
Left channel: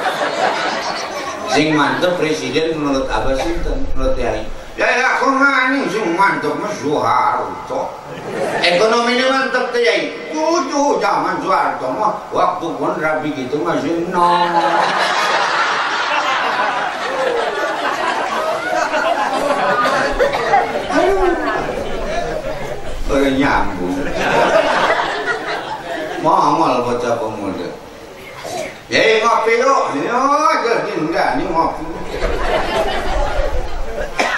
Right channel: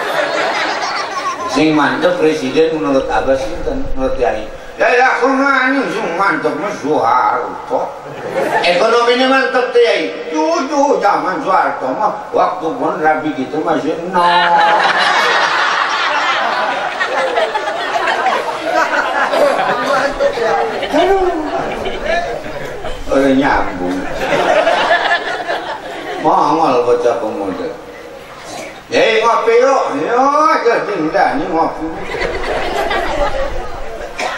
Sing mantep presiden menurut Abah sinten? Menurut Yai. Ya kurang sing mantep mah Soeharto. Ekonominya mantep teh yai. Jujur zaman Soeharto mah waktu pun rapi gitu masih nol. Udah nyambung. Mahal bocah pemuda. Yai ngopi yuk. Yo jadi enggak nih ngopi.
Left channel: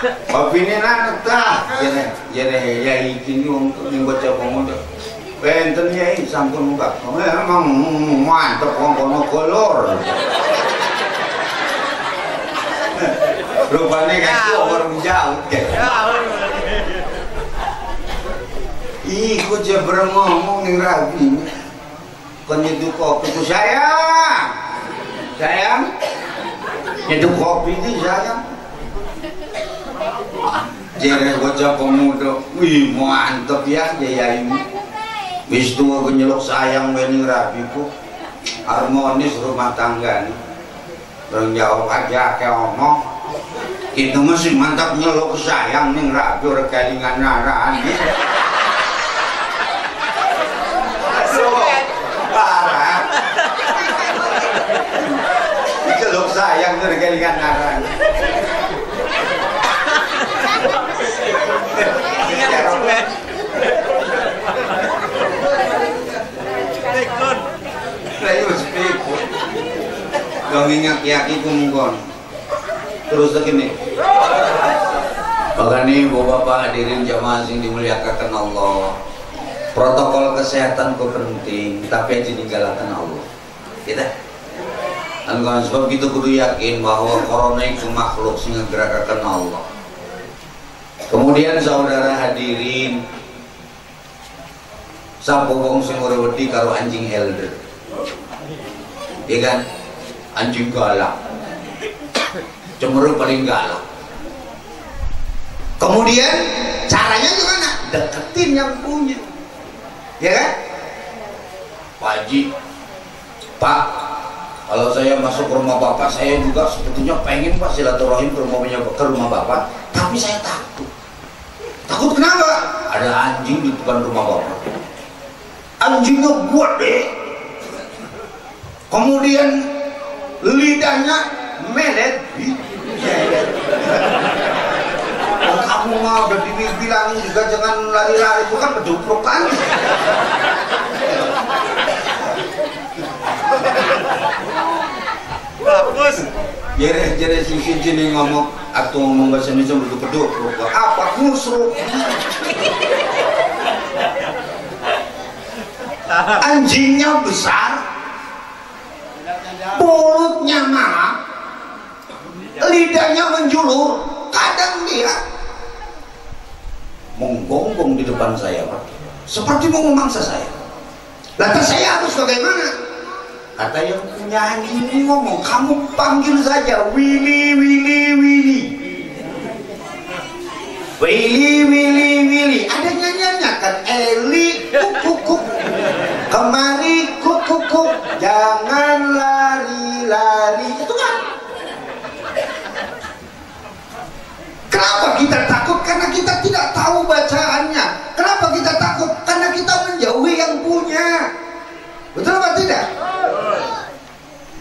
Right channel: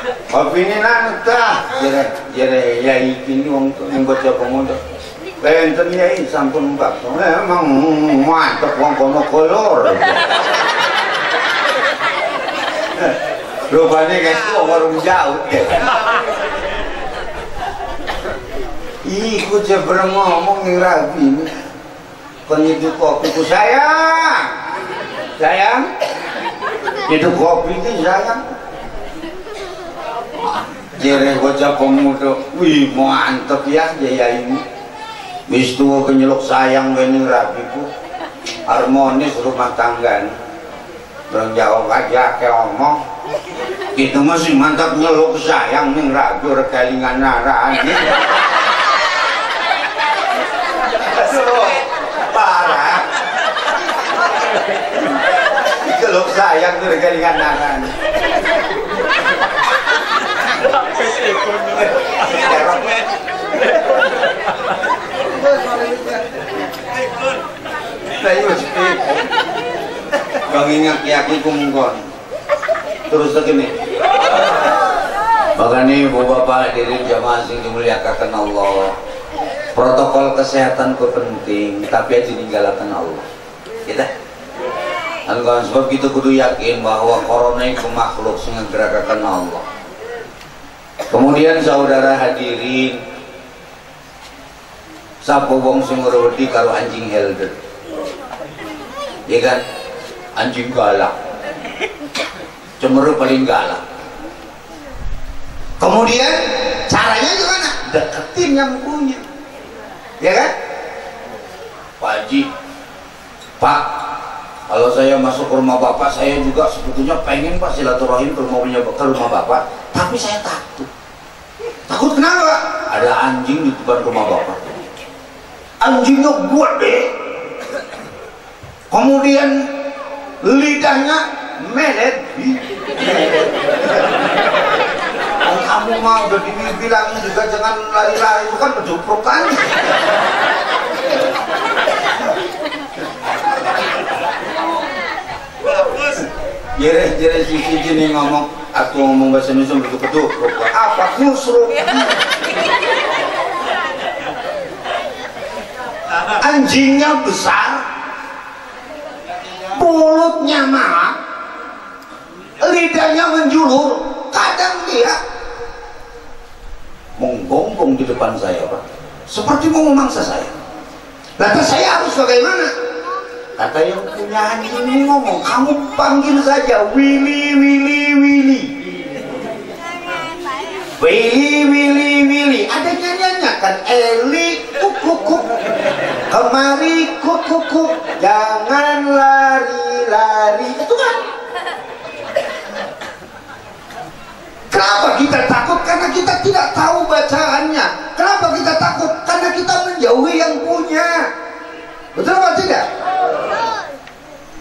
Kopi ini nanta, jadi yai kini yang bocah pemuda. Benten yai sampun mbak, emang mantap wong kono kolor. Rupanya kan warung jauh. Ih, kok dia ngomong nih rabi. Kon itu kopi ku sayang, itu kopi itu sayang. Jere bocah pemuda, wih mantep ya jaya ini. Wis tua kenyeluk sayang ini rabi ku, harmonis rumah tangga nih. Orang jawab aja kayak ngomong, kita masih mantap nyeluk sayang nih rabi orang kelingan naraan nih. Parah. Nyeluk sayang tuh orang kelingan naraan. Yang ingat yakin kumungkon terus begini. Bahkan ibu bapak hadirin jamaah yang dimuliakan Allah, protokol kesehatan itu penting tapi aja digalakkan Allah kita. Dan kalau sebab itu kudu yakin bahwa corona itu makhluk sing nggerakkan Allah. Kemudian saudara hadirin, sapa wong sing ngurudi karo anjing helder. Iya kan? Anjing galak. Cemuru paling galak. Kemudian caranya gimana? Deketin yang punya. Ya kan? Pak Haji, Pak, kalau saya masuk ke rumah Bapak, saya juga sebetulnya pengen Pak silaturahim ke rumah Bapak, tapi saya takut. Takut kenapa? Ada anjing di depan rumah Bapak. Anjingnya buat deh. Kemudian lidahnya melet. Kamu mau udah dibilangin juga jangan lari-lari, itu kan kejuprukan. Bagus. Jere si Cincin ngomong, aku ngomong bahasa Indonesia betul-betul. Apa kusruk? Anjingnya besar, mulutnya marah, lidahnya menjulur. Kadang dia menggonggong di depan saya, Pak, seperti mau memangsa saya. Lantas saya harus bagaimana? Kata yang punya anjing ini ngomong, kamu panggil saja Willy, Willy, Willy. Willy, Willy, Willy. Ada nyanyiannya kan, Eli, kuk, kemari, kuk, jangan lari-lari. Itu kan. Kenapa kita takut? Karena kita tidak tahu bacaannya. Kenapa kita takut? Karena kita menjauhi yang punya. Betul apa tidak?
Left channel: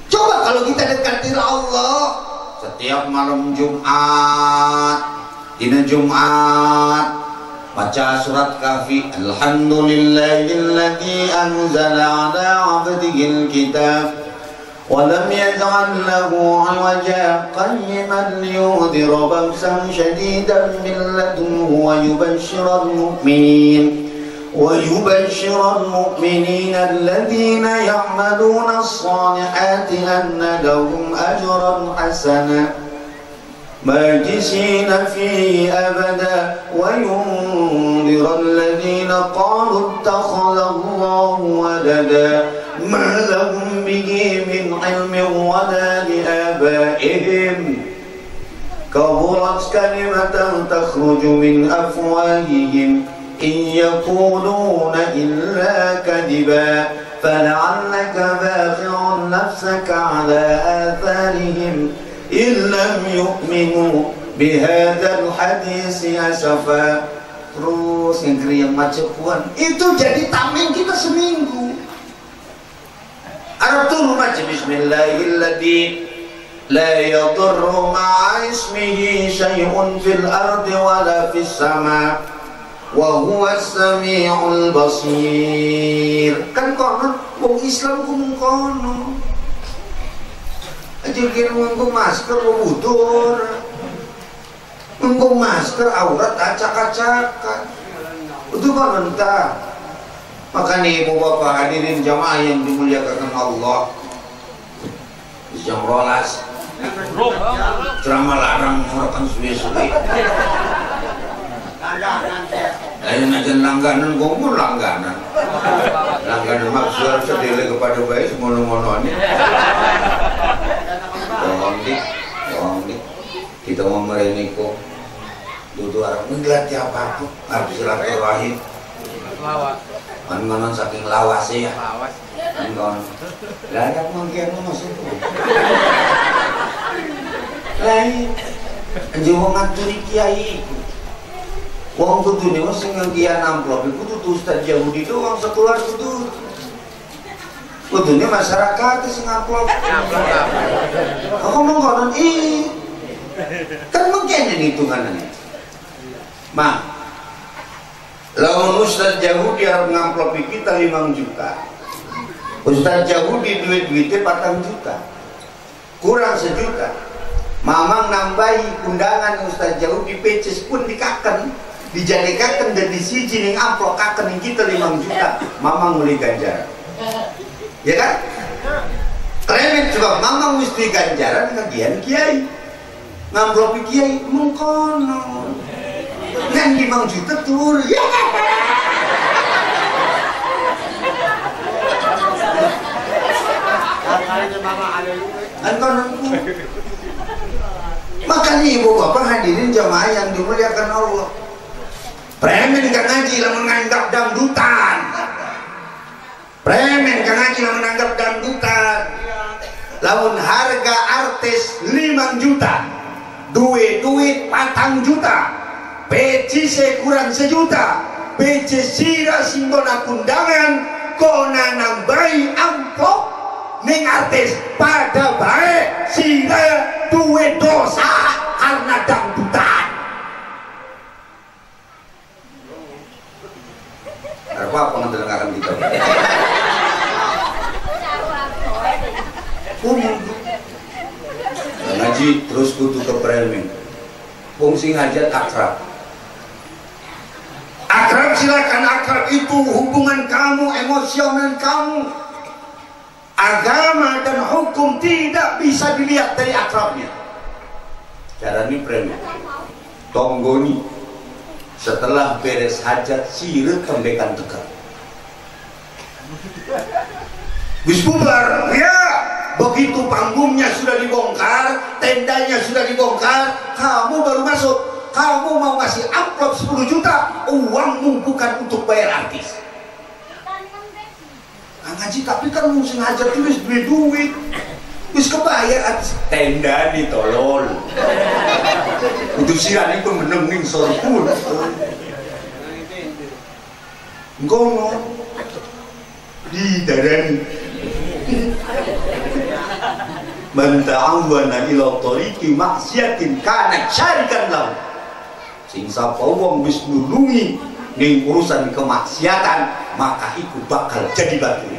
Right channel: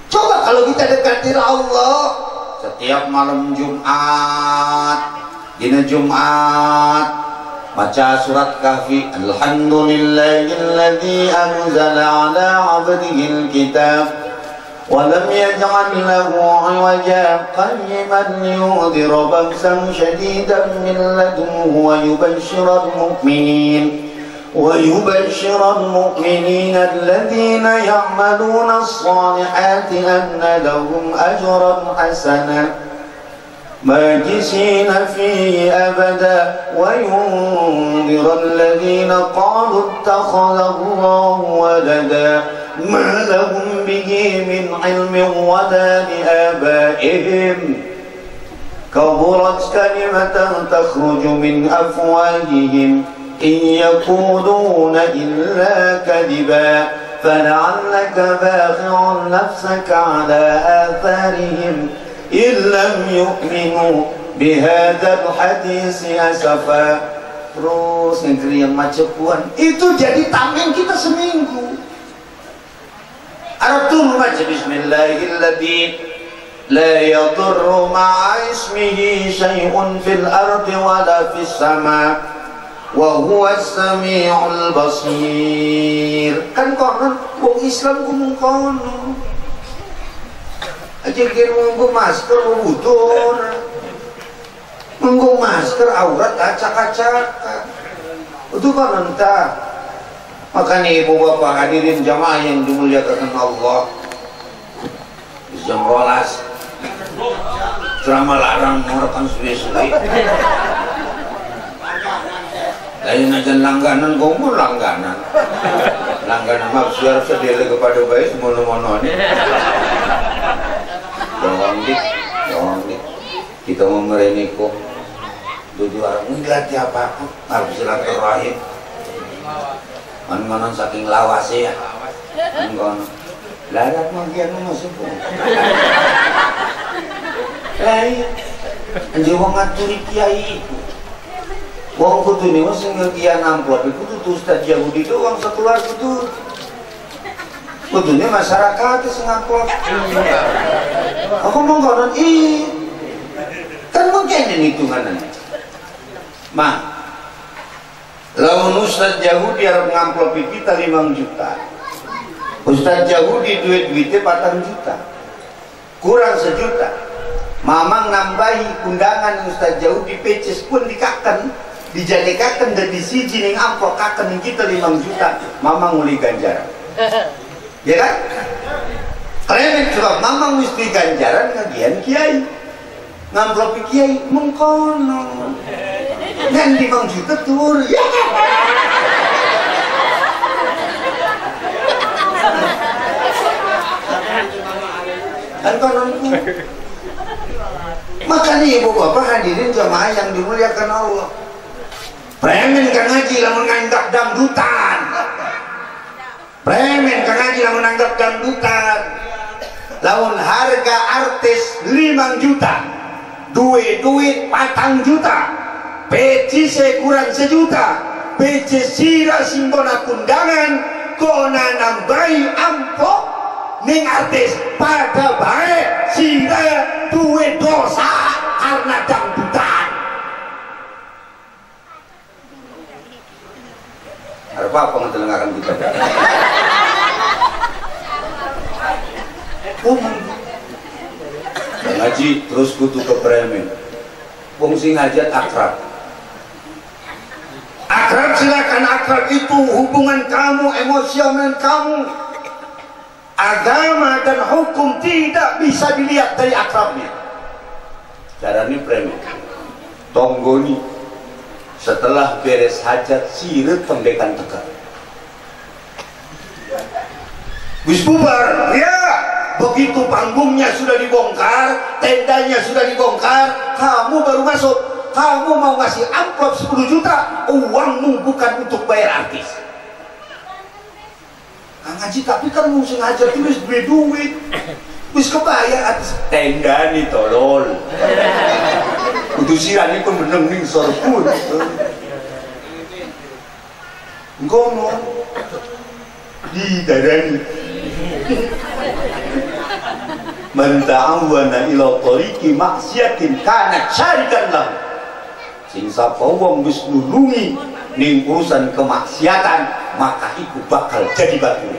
Coba kalau kita dekati Allah setiap malam Jumat, dina Jumat, baca surat Kahfi, Alhamdulillahilladzi anzala ala 'abdihil kitab ولم يجعل له عوجا قيما لينذر بأسا شديدا من لدنه ويبشر المؤمنين الذين يعملون الصالحات أن لهم أجرا حسنا ماكثين فيه أبدا وينذر الذين قالوا اتخذ الله ولدا ما لهم به من علم ولا لآبائهم كبرت كلمة تخرج من أفواههم إن يقولون إلا كذبا فلعلك باخع نفسك على آثارهم إن لم يؤمنوا bihadzal hadis ya safa, terus ngegeri yang macepuan itu jadi tameng kita seminggu. Aratul maca bismillahilladzi la yadurru ma'a ismihi syai'un fil ardi wala fis sama wa huwas sami'ul basir. Kan konon wong Islam ku mung kono. Aja kira nganggo masker wudur. Nganggo masker aurat acak-acakan. Itu kan entah. Makanya ibu bapak hadirin jamaah yang dimuliakan Allah, jam 12 ceramah larang mengurangkan suwe-suwe. Lain aja langganan, kamu langganan maksudnya sedele kepada baik mono-mono ini. Jangan kita mau mereniko duduk orang enggak tiap aku harus silaturahim. Kan saking lawasnya ya. Kan larang mangkian masuk. Lain anjing wong ngaturi kiai iku. Wong kudune wong sing ngian amplop iku kudu Ustaz Yahudi doang sekeluar kudu. Kudune masyarakat sing amplop. Aku mau konon kan mungkin hitungannya. Mah lamun Ustaz Yahudi harus ngamplopi kita 5 juta. Ustaz Yahudi duit-duitnya 4 juta. Kurang 1 juta. Mamang nambahi undangan Ustaz Yahudi peces pun dikaken, dijadikaken jadi siji ning amplop kaken ning kita 5 juta. Mamang mulai ganjaran. Ya kan? Keren coba mamang mesti ganjaran kagian kiai. Ngamplopi kiai mengkono. Yang 5 juta turun. Ya. Makanya ibu bapak hadirin jamaah yang dimuliakan Allah. Premen kan ngaji lamun nganggap dangdutan. Premen kan ngaji lamun nganggap dangdutan. Lamun harga artis 5 juta. Duit 4 juta. PC kurang 1 juta. PC sira simbona kundangan kona nambahi amplop ning artis pada baik sira duwe dosa karena dangdutan. Apa pengedengaran kita? Ngaji terus kudu ke premen. Fungsi ngajat akrab. Akrab silakan, akrab itu hubungan kamu, emosional kamu. Agama dan hukum tidak bisa dilihat dari akrabnya. Caranya premen. Tonggoni setelah beres hajat sirek tembekan tegak. Wis bubar, ya. Begitu panggungnya sudah dibongkar, tendanya sudah dibongkar, kamu baru masuk. Kamu mau ngasih amplop 10 juta, uangmu bukan untuk bayar artis. Ngaji tapi kan mau sengaja tulis duit. Wis kebayar artis tenda nih tolol. Untuk sirani pun meneng ning sorpun. Ngono di darani. Man ta'awana ila tariqi maksiatin kana syarikan lahu. Sing sapa wong wis nulungi ning urusan kemaksiatan maka iku bakal jadi batu.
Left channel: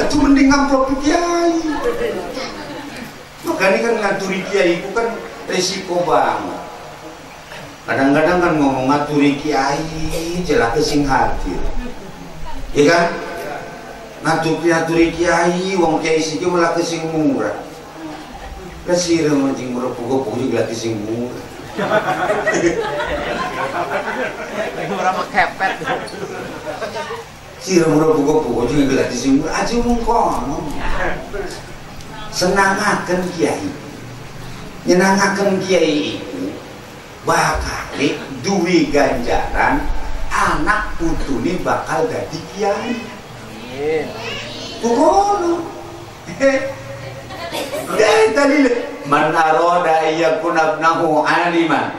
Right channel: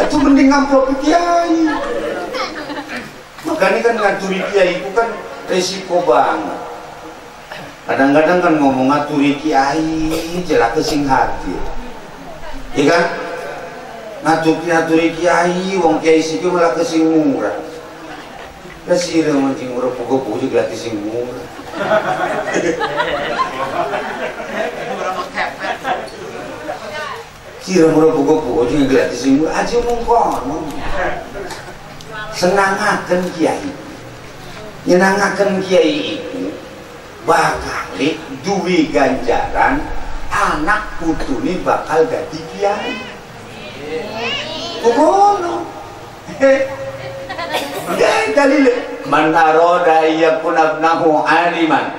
Itu mending ngamplop kiai. Makanya kan ngaturi kiai itu kan resiko banget. Kadang-kadang kan ngomong ngaturi kiai jelas sing hargi. Iya kan? Ngaturi kiai wong kiai siki malah sing murah. Kasih rumah timur pokok juga gratis sing murah. Berapa kepet? Sira murah pokok juga gratis sing murah. Aja mengkono. Senangaken kiai. Nyenangaken kiai itu bakal duwe ganjaran anak putune bakal dadi kiai. Kono. dalil man arada ayyakuna ibnahu aliman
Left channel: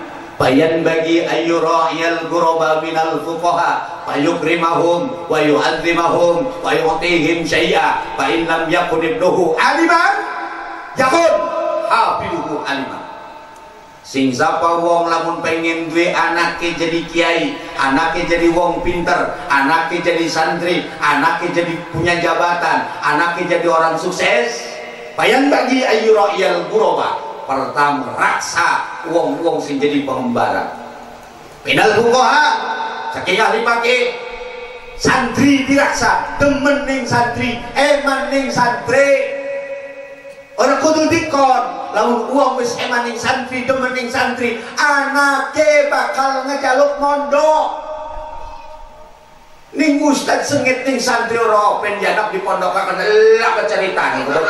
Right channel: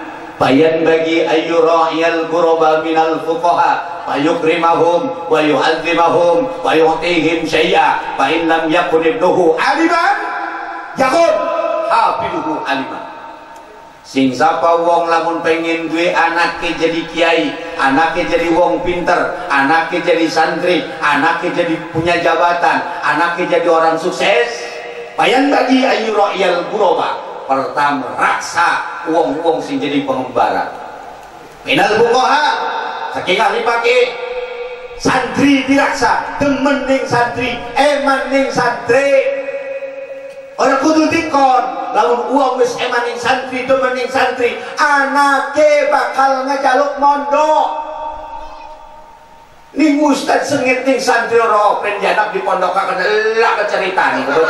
bayan bagi ayyura'iyal ghuraba minal fuqaha fayukrimahum wa yu'azzimahum wa yu'tihim syai'a fa in lam yakun ibnuhu aliman yakun hafiduhu aliman. Sing sapa wong lamun pengen duwe anake jadi kiai, anake jadi wong pinter, anake jadi santri, anake jadi punya jabatan, anake jadi orang sukses, bayan bagi ayyura'iyal ghuraba, pertama raksa wong-wong sing jadi pengembara minal fuqaha saking ahli pake santri diraksa demen ning santri eman ning santri orang kudu dikon lamun uang wis eman ning santri demen ning santri anake bakal ngejaluk mondok ning ustad sengit ning santri ora penjanak di pondok akan lah cerita nih bro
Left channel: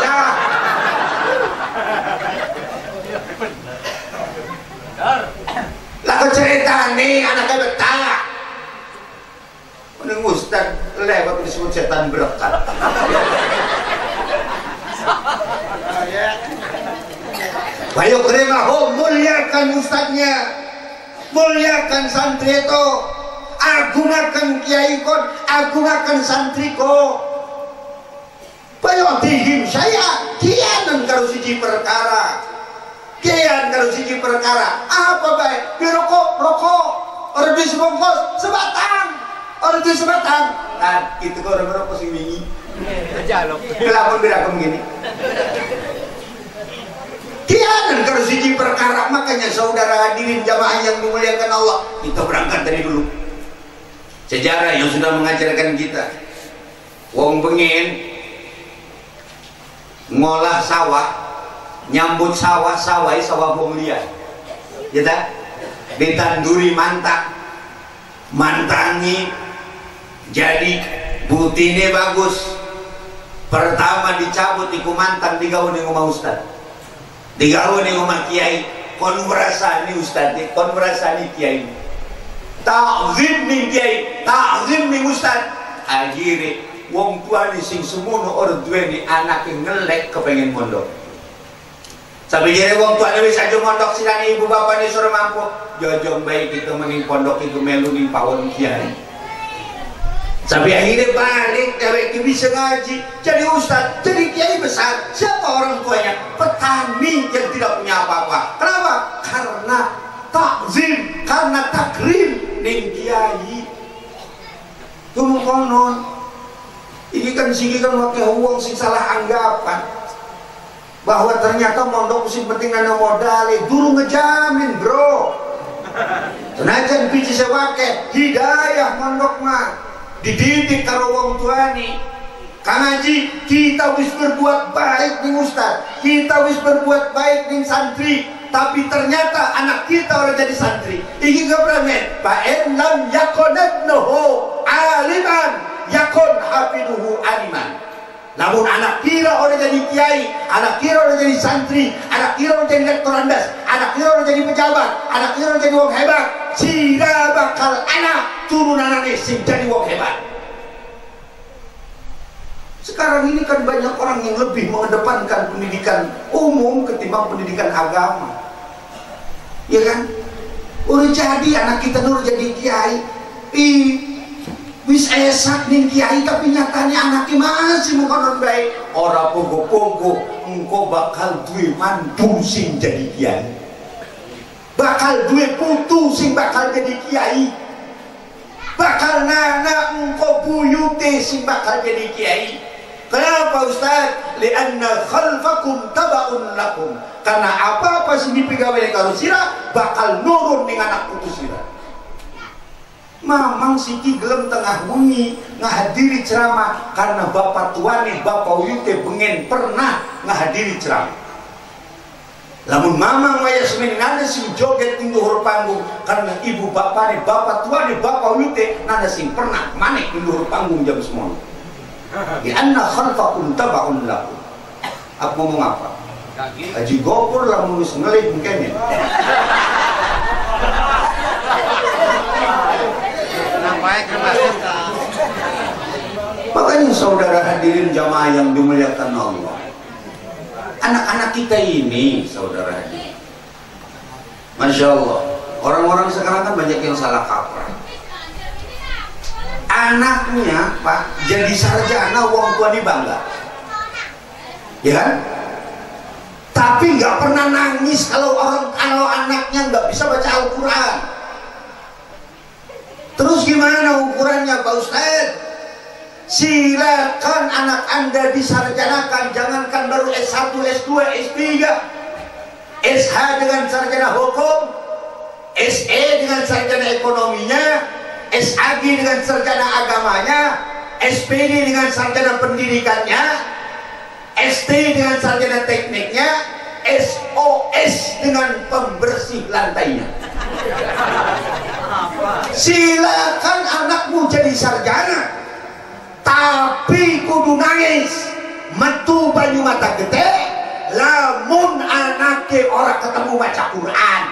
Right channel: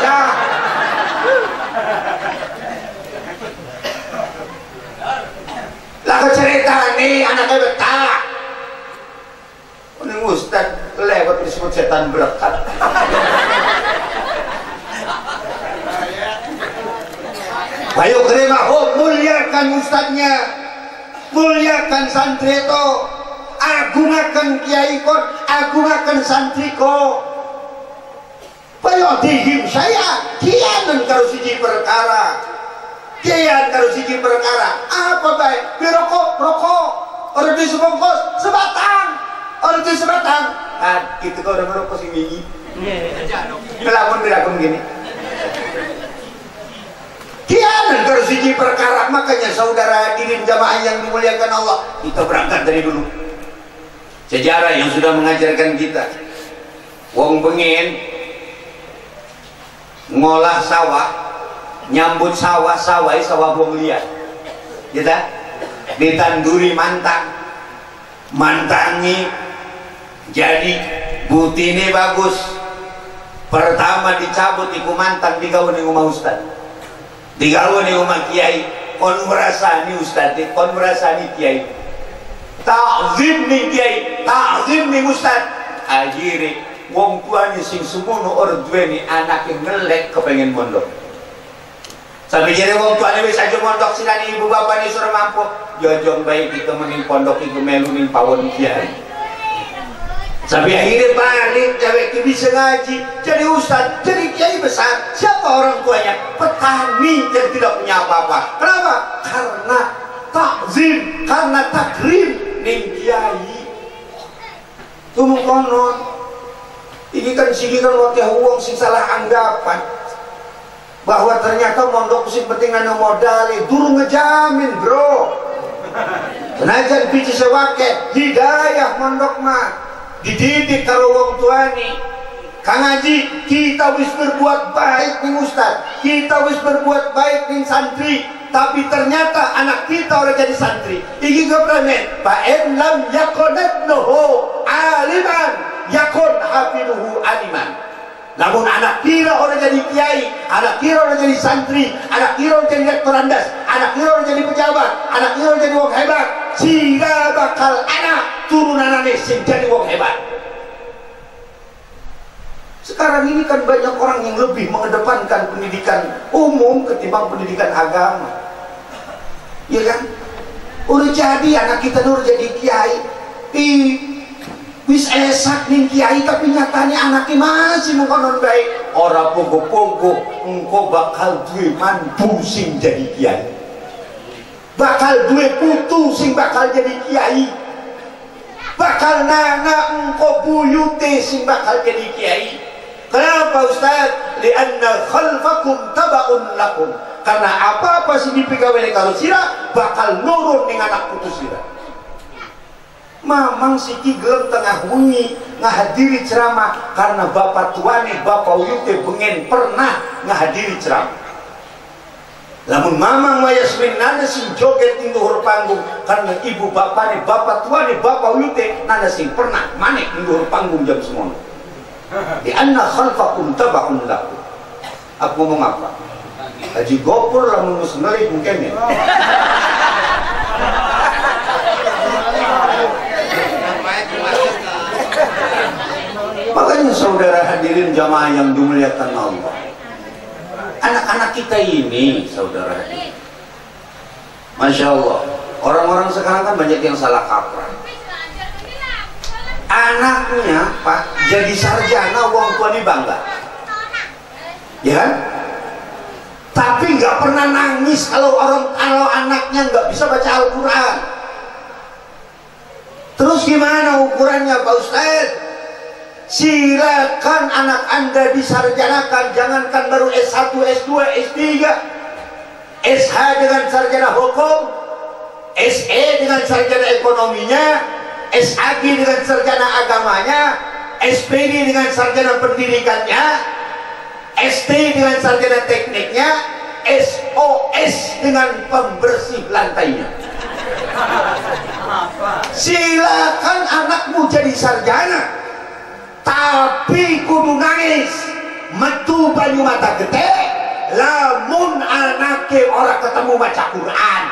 lah cerita nih anaknya betah ning ustad lewat disebut setan berkat ayo kerimahum muliakan ustadnya muliakan santri itu agungakan kiai kon agungakan santri ko payotihim saya kianan kalau siji perkara kian kalau siji perkara apa baik rokok orang di sebongkos sebatang orang di sebatang kan itu kok orang rokok sing wingi lamun bilang begini kian kalau siji perkara makanya saudara hadirin jamaah yang dimuliakan Allah kita berangkat dari dulu sejarah yang sudah mengajarkan kita wong bengen ngolah sawah nyambut sawah wong liat gitu ditanduri mantangi jadi butine bagus pertama dicabut iku mantang digawe ning omah ustad digawe ning omah kiai kon merasa ni ustad kon merasa ni kiai ta'zim ning kiai ta'zim ning ustad akhire wong tuane sing semono ora duweni anak yang melek kepengen mondok sampai jadi wong tuane wis aja mondok silane ibu bapane suruh mampu jojong baik itu mending pondok itu melu ning pawon kiai sampai akhirnya balik cewek itu bisa ngaji jadi ustaz jadi kiai besar siapa orang tuanya petani yang tidak punya apa-apa kenapa karena takzim karena takrim ning kiai tuh konon ini kan sini kan wakil uang sing salah anggapan bahwa ternyata mondok sing penting ana modal durung ngejamin bro senajan biji sewake hidayah mondok mah dididik karo wong tuane Kang Haji kita wis berbuat baik ning ustaz kita wis berbuat baik ning santri tapi ternyata anak kita orang jadi santri iki gobrane fa in lam yakunatnuhu aliman yakun hafiduhu aliman namun anak kira orang jadi kiai anak kira orang jadi santri anak kira orang jadi lektor andas anak kira orang jadi pejabat anak kira orang jadi wong hebat sira bakal anak turunanane sing jadi wong hebat. Sekarang ini kan banyak orang yang lebih mengedepankan pendidikan umum ketimbang pendidikan agama ya kan udah jadi anak kita udah jadi kiai wis esak ning kiai tapi nyatanya anaknya masih mengkonon baik ora pogo-pogo engko bakal duwe mantu sing jadi kiai bakal duwe putu sing bakal jadi kiai bakal nana engko buyute sing bakal jadi kiai. Kenapa Ustaz? Lianna khalfakum tabaun lakum karena apa-apa sing dipegawe karo sira bakal nurun ning anak putu sira. Mamang siki gelem tengah wengi ngahadiri ceramah karena bapak tuane bapak uyute bengen pernah ngahadiri ceramah lamun mamang wayasmin nada sing joget ing dhuwur panggung karena ibu bapane bapak tuane bapak uyute nada sing pernah manek ing dhuwur panggung jam semono di anna khalqakum tabaun lakum aku ngomong apa Haji Gopur lamun wis ngelih mungkin ya makanya saudara hadirin jamaah yang dimuliakan Allah Anak-anak kita ini, saudara, Masya Allah, orang-orang sekarang kan banyak yang salah kaprah. Anaknya Pak jadi sarjana, wong tua bangga, ya kan? Tapi nggak pernah nangis kalau anaknya nggak bisa baca Al-Quran. Terus gimana ukurannya Pak Ustaz? Silakan anak Anda disarjanakan, jangankan baru S1, S2, S3, SH dengan sarjana hukum, SE dengan sarjana ekonominya, SAG dengan sarjana agamanya, SPD dengan sarjana pendidikannya, ST dengan sarjana tekniknya, SOS dengan pembersih lantainya. Silakan anakmu jadi sarjana, tapi kudu nangis metu banyu mata gede lamun anake orang ketemu baca Quran.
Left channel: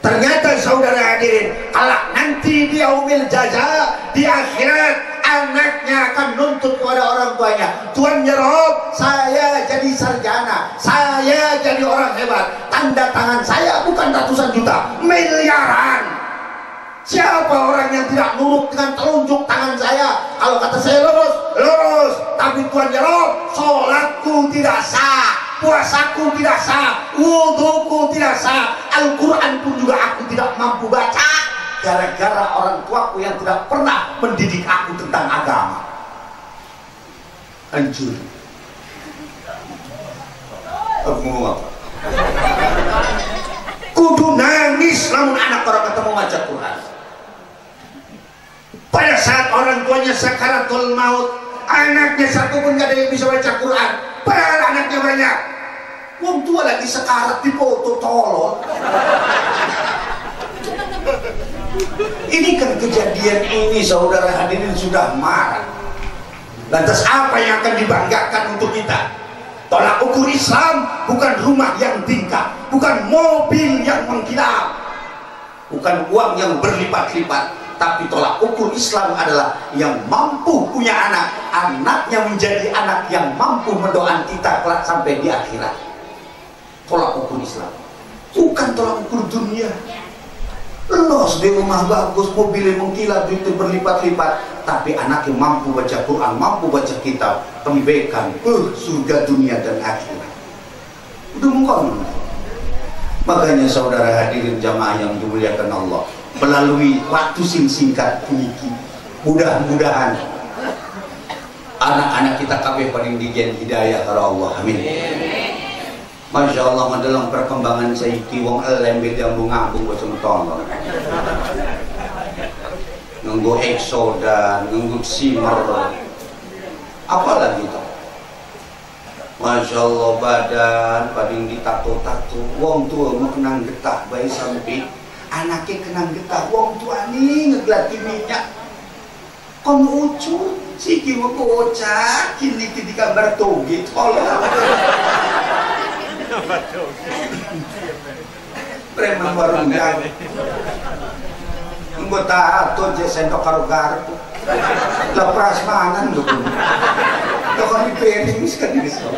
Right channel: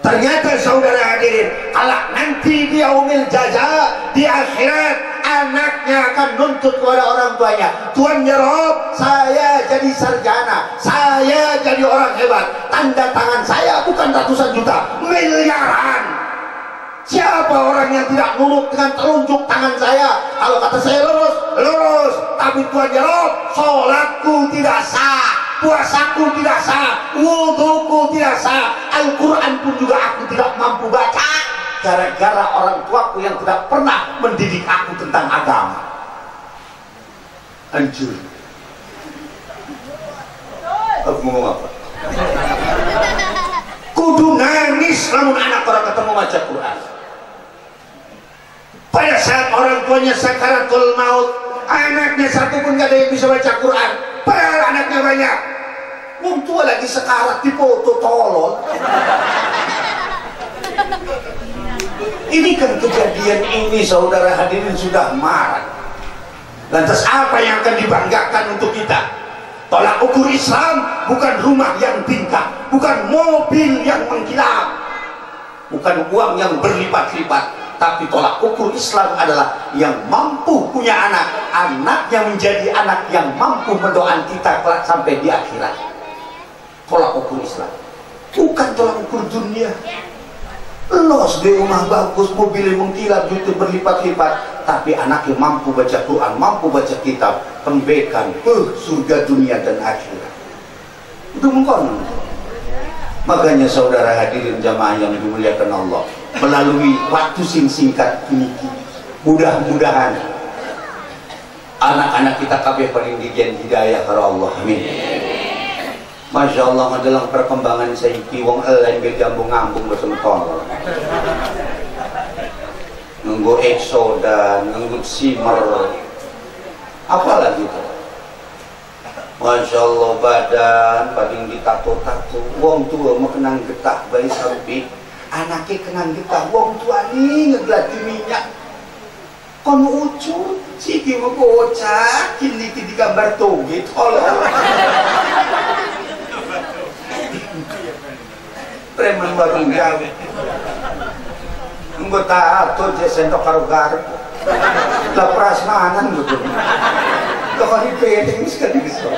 Ternyata saudara hadirin, kalau nanti di yaumil jaza, di akhirat, anaknya akan nuntut kepada orang tuanya, Tuhan ya Rob, saya jadi sarjana, saya jadi orang hebat, tanda tangan saya bukan ratusan juta, miliaran. Siapa orang yang tidak nurut dengan telunjuk tangan saya? Kalau kata saya lurus, lurus, tapi Tuhan ya Rob, sholatku tidak sah, puasaku tidak sah, wuduku tidak sah, Al-Quran pun juga aku tidak mampu baca, gara-gara orang tuaku yang tidak pernah mendidik aku tentang agama. Hancur. Aku ngomong apa? Kudu nangis namun anak orang ketemu baca Quran. Pada saat orang tuanya sakaratul maut, anaknya satu pun gak ada yang bisa baca Quran, padahal anaknya banyak. Wong tua lagi sekarat di foto tolol. Ini kan kejadian ini saudara hadirin sudah marah. Lantas apa yang akan dibanggakan untuk kita? Tolak ukur Islam bukan rumah yang tingkat, bukan mobil yang mengkilap, bukan uang yang berlipat-lipat, tapi tolak ukur Islam adalah yang mampu punya anak, anaknya menjadi anak yang mampu mendoakan kita kelak sampai di akhirat. Tolak ukur Islam, bukan tolak ukur dunia. Los di rumah bagus, mobil mengkilap, duit berlipat-lipat, tapi anaknya mampu baca Quran, mampu baca kitab, pembekan, surga dunia dan akhirat. Itu mungkin. Makanya saudara hadirin jamaah yang dimuliakan Allah, melalui waktu singkat ini, mudah-mudahan anak-anak kita kabeh paling dijen hidayah karena Allah. Amin. Masya Allah, dalam perkembangan saiki wong elen beda ngambung betul-betul. Nunggu eksoda, nunggu simer, apalagi itu. Masya Allah, badan paling ditato-tato. Wong tua mau kenang getah bayi sampai anaknya kenang getah. Wong tua nih ngegelati minyak. Kono ucut, siki mau bocah, kini di gambar toge, tolong. Preman baru jam anggota atau sentok karo garpu lah prasmanan gitu kalau di piring sekali gitu.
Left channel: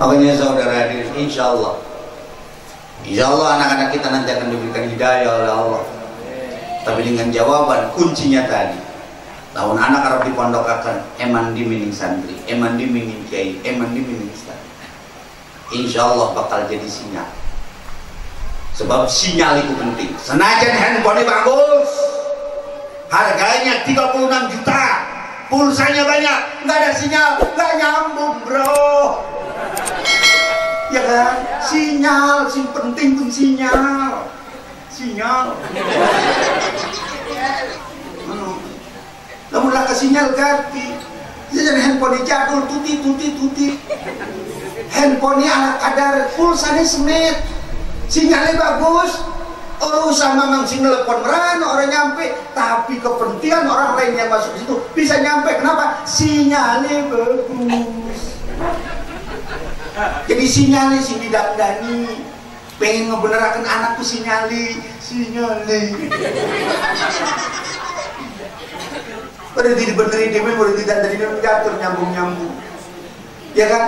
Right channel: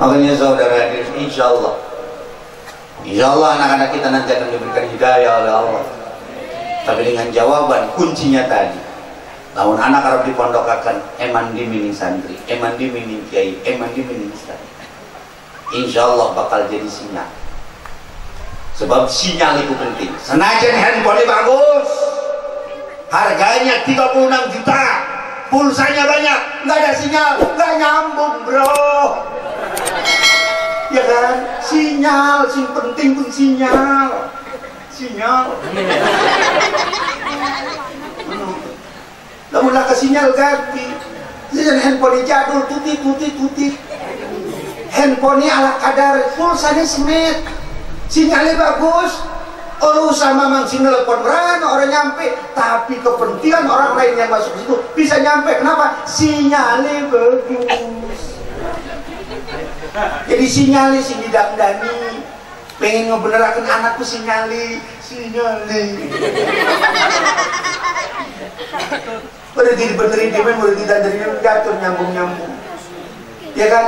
Makanya saudara hadir, insya Allah anak-anak kita nanti akan diberikan hidayah oleh Allah, tapi dengan jawaban kuncinya tadi. Lamun anak harap dipondokakan, eman di mining santri, eman di mining kiai, eman di mining ustaz. Insya Allah bakal jadi sinyal. Sebab sinyal itu penting. Senajan handphone bagus, harganya 36 juta, pulsanya banyak, nggak ada sinyal, nggak nyambung bro. Ya kan? Sinyal, sing penting pun sinyal. Lalu lah ke sinyal ganti. Jadi handphone jadul, tuti. Handphone ala kadar, pulsanya semit, sinyalnya bagus. Orang sama memang sing telepon orang nyampe, tapi kepentingan orang lain yang masuk situ bisa nyampe. Kenapa? Sinyalnya bagus. Jadi sinyalnya sing didandani, pengen ngebenerakan anakku sinyalnya. Baru dibenerin dia, baru didandani, jatuh nyambung. Ya kan?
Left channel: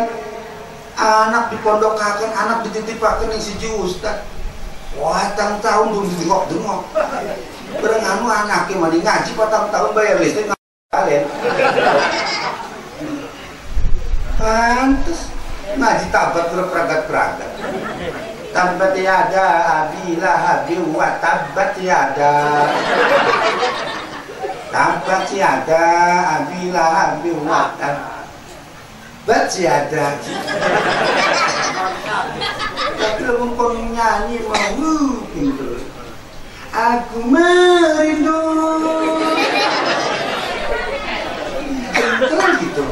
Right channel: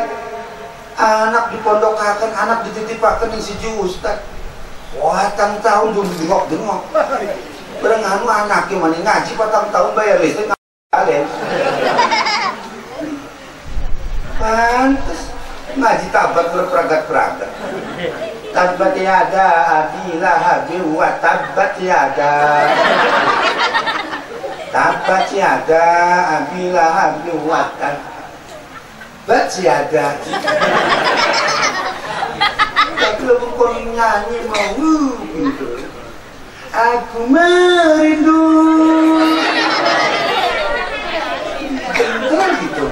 Anak dipondokaken, anak dititipaken yang siji ustad. Wah, tahun dulu dengok. Bareng anu anaknya mana ngaji patang tahun bayar listrik kalian. Pantes ngaji tabak ke peragat-peragat. Tabbat yada abi lahabi wa tabbat yada. Tabbat yada abi lahabi wa tabbat yada. Belum kau nyanyi mau gitu. Aku merindu. Beneran gitu.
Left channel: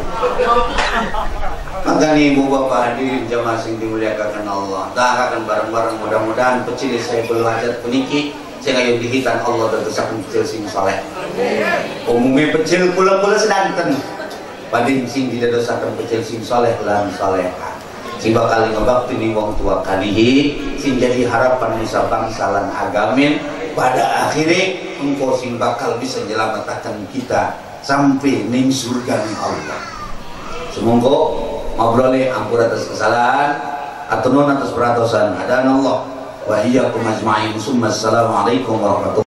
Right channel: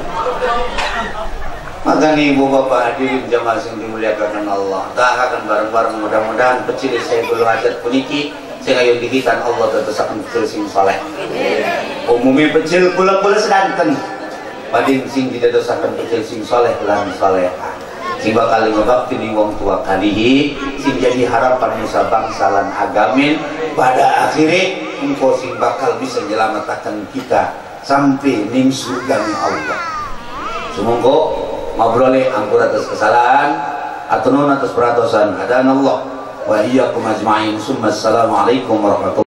Maka nih ibu bapak hadirin jamaah sing dimuliakan Allah. Tak akan bareng-bareng mudah-mudahan pecil saya belum adat puniki. Saya ayo dihitan Allah dan tersakun pecil sing soleh. Umumnya pecil pula-pula sedanten. Padin sing tidak dosakan pecil sing soleh lan soleh. Sing bakal ngabakti di wong tua kalihi. Sing jadi harapan nusa bangsa lan agamin. Pada akhirnya engkau sing bakal bisa menyelamatkan kita sampai ning surga Allah. Semoga ngobrolnya ampun atas kesalahan atau non atas peratosan. Hadanallah wa iyyakum ajma'in. Assalamualaikum warahmatullahi wabarakatuh.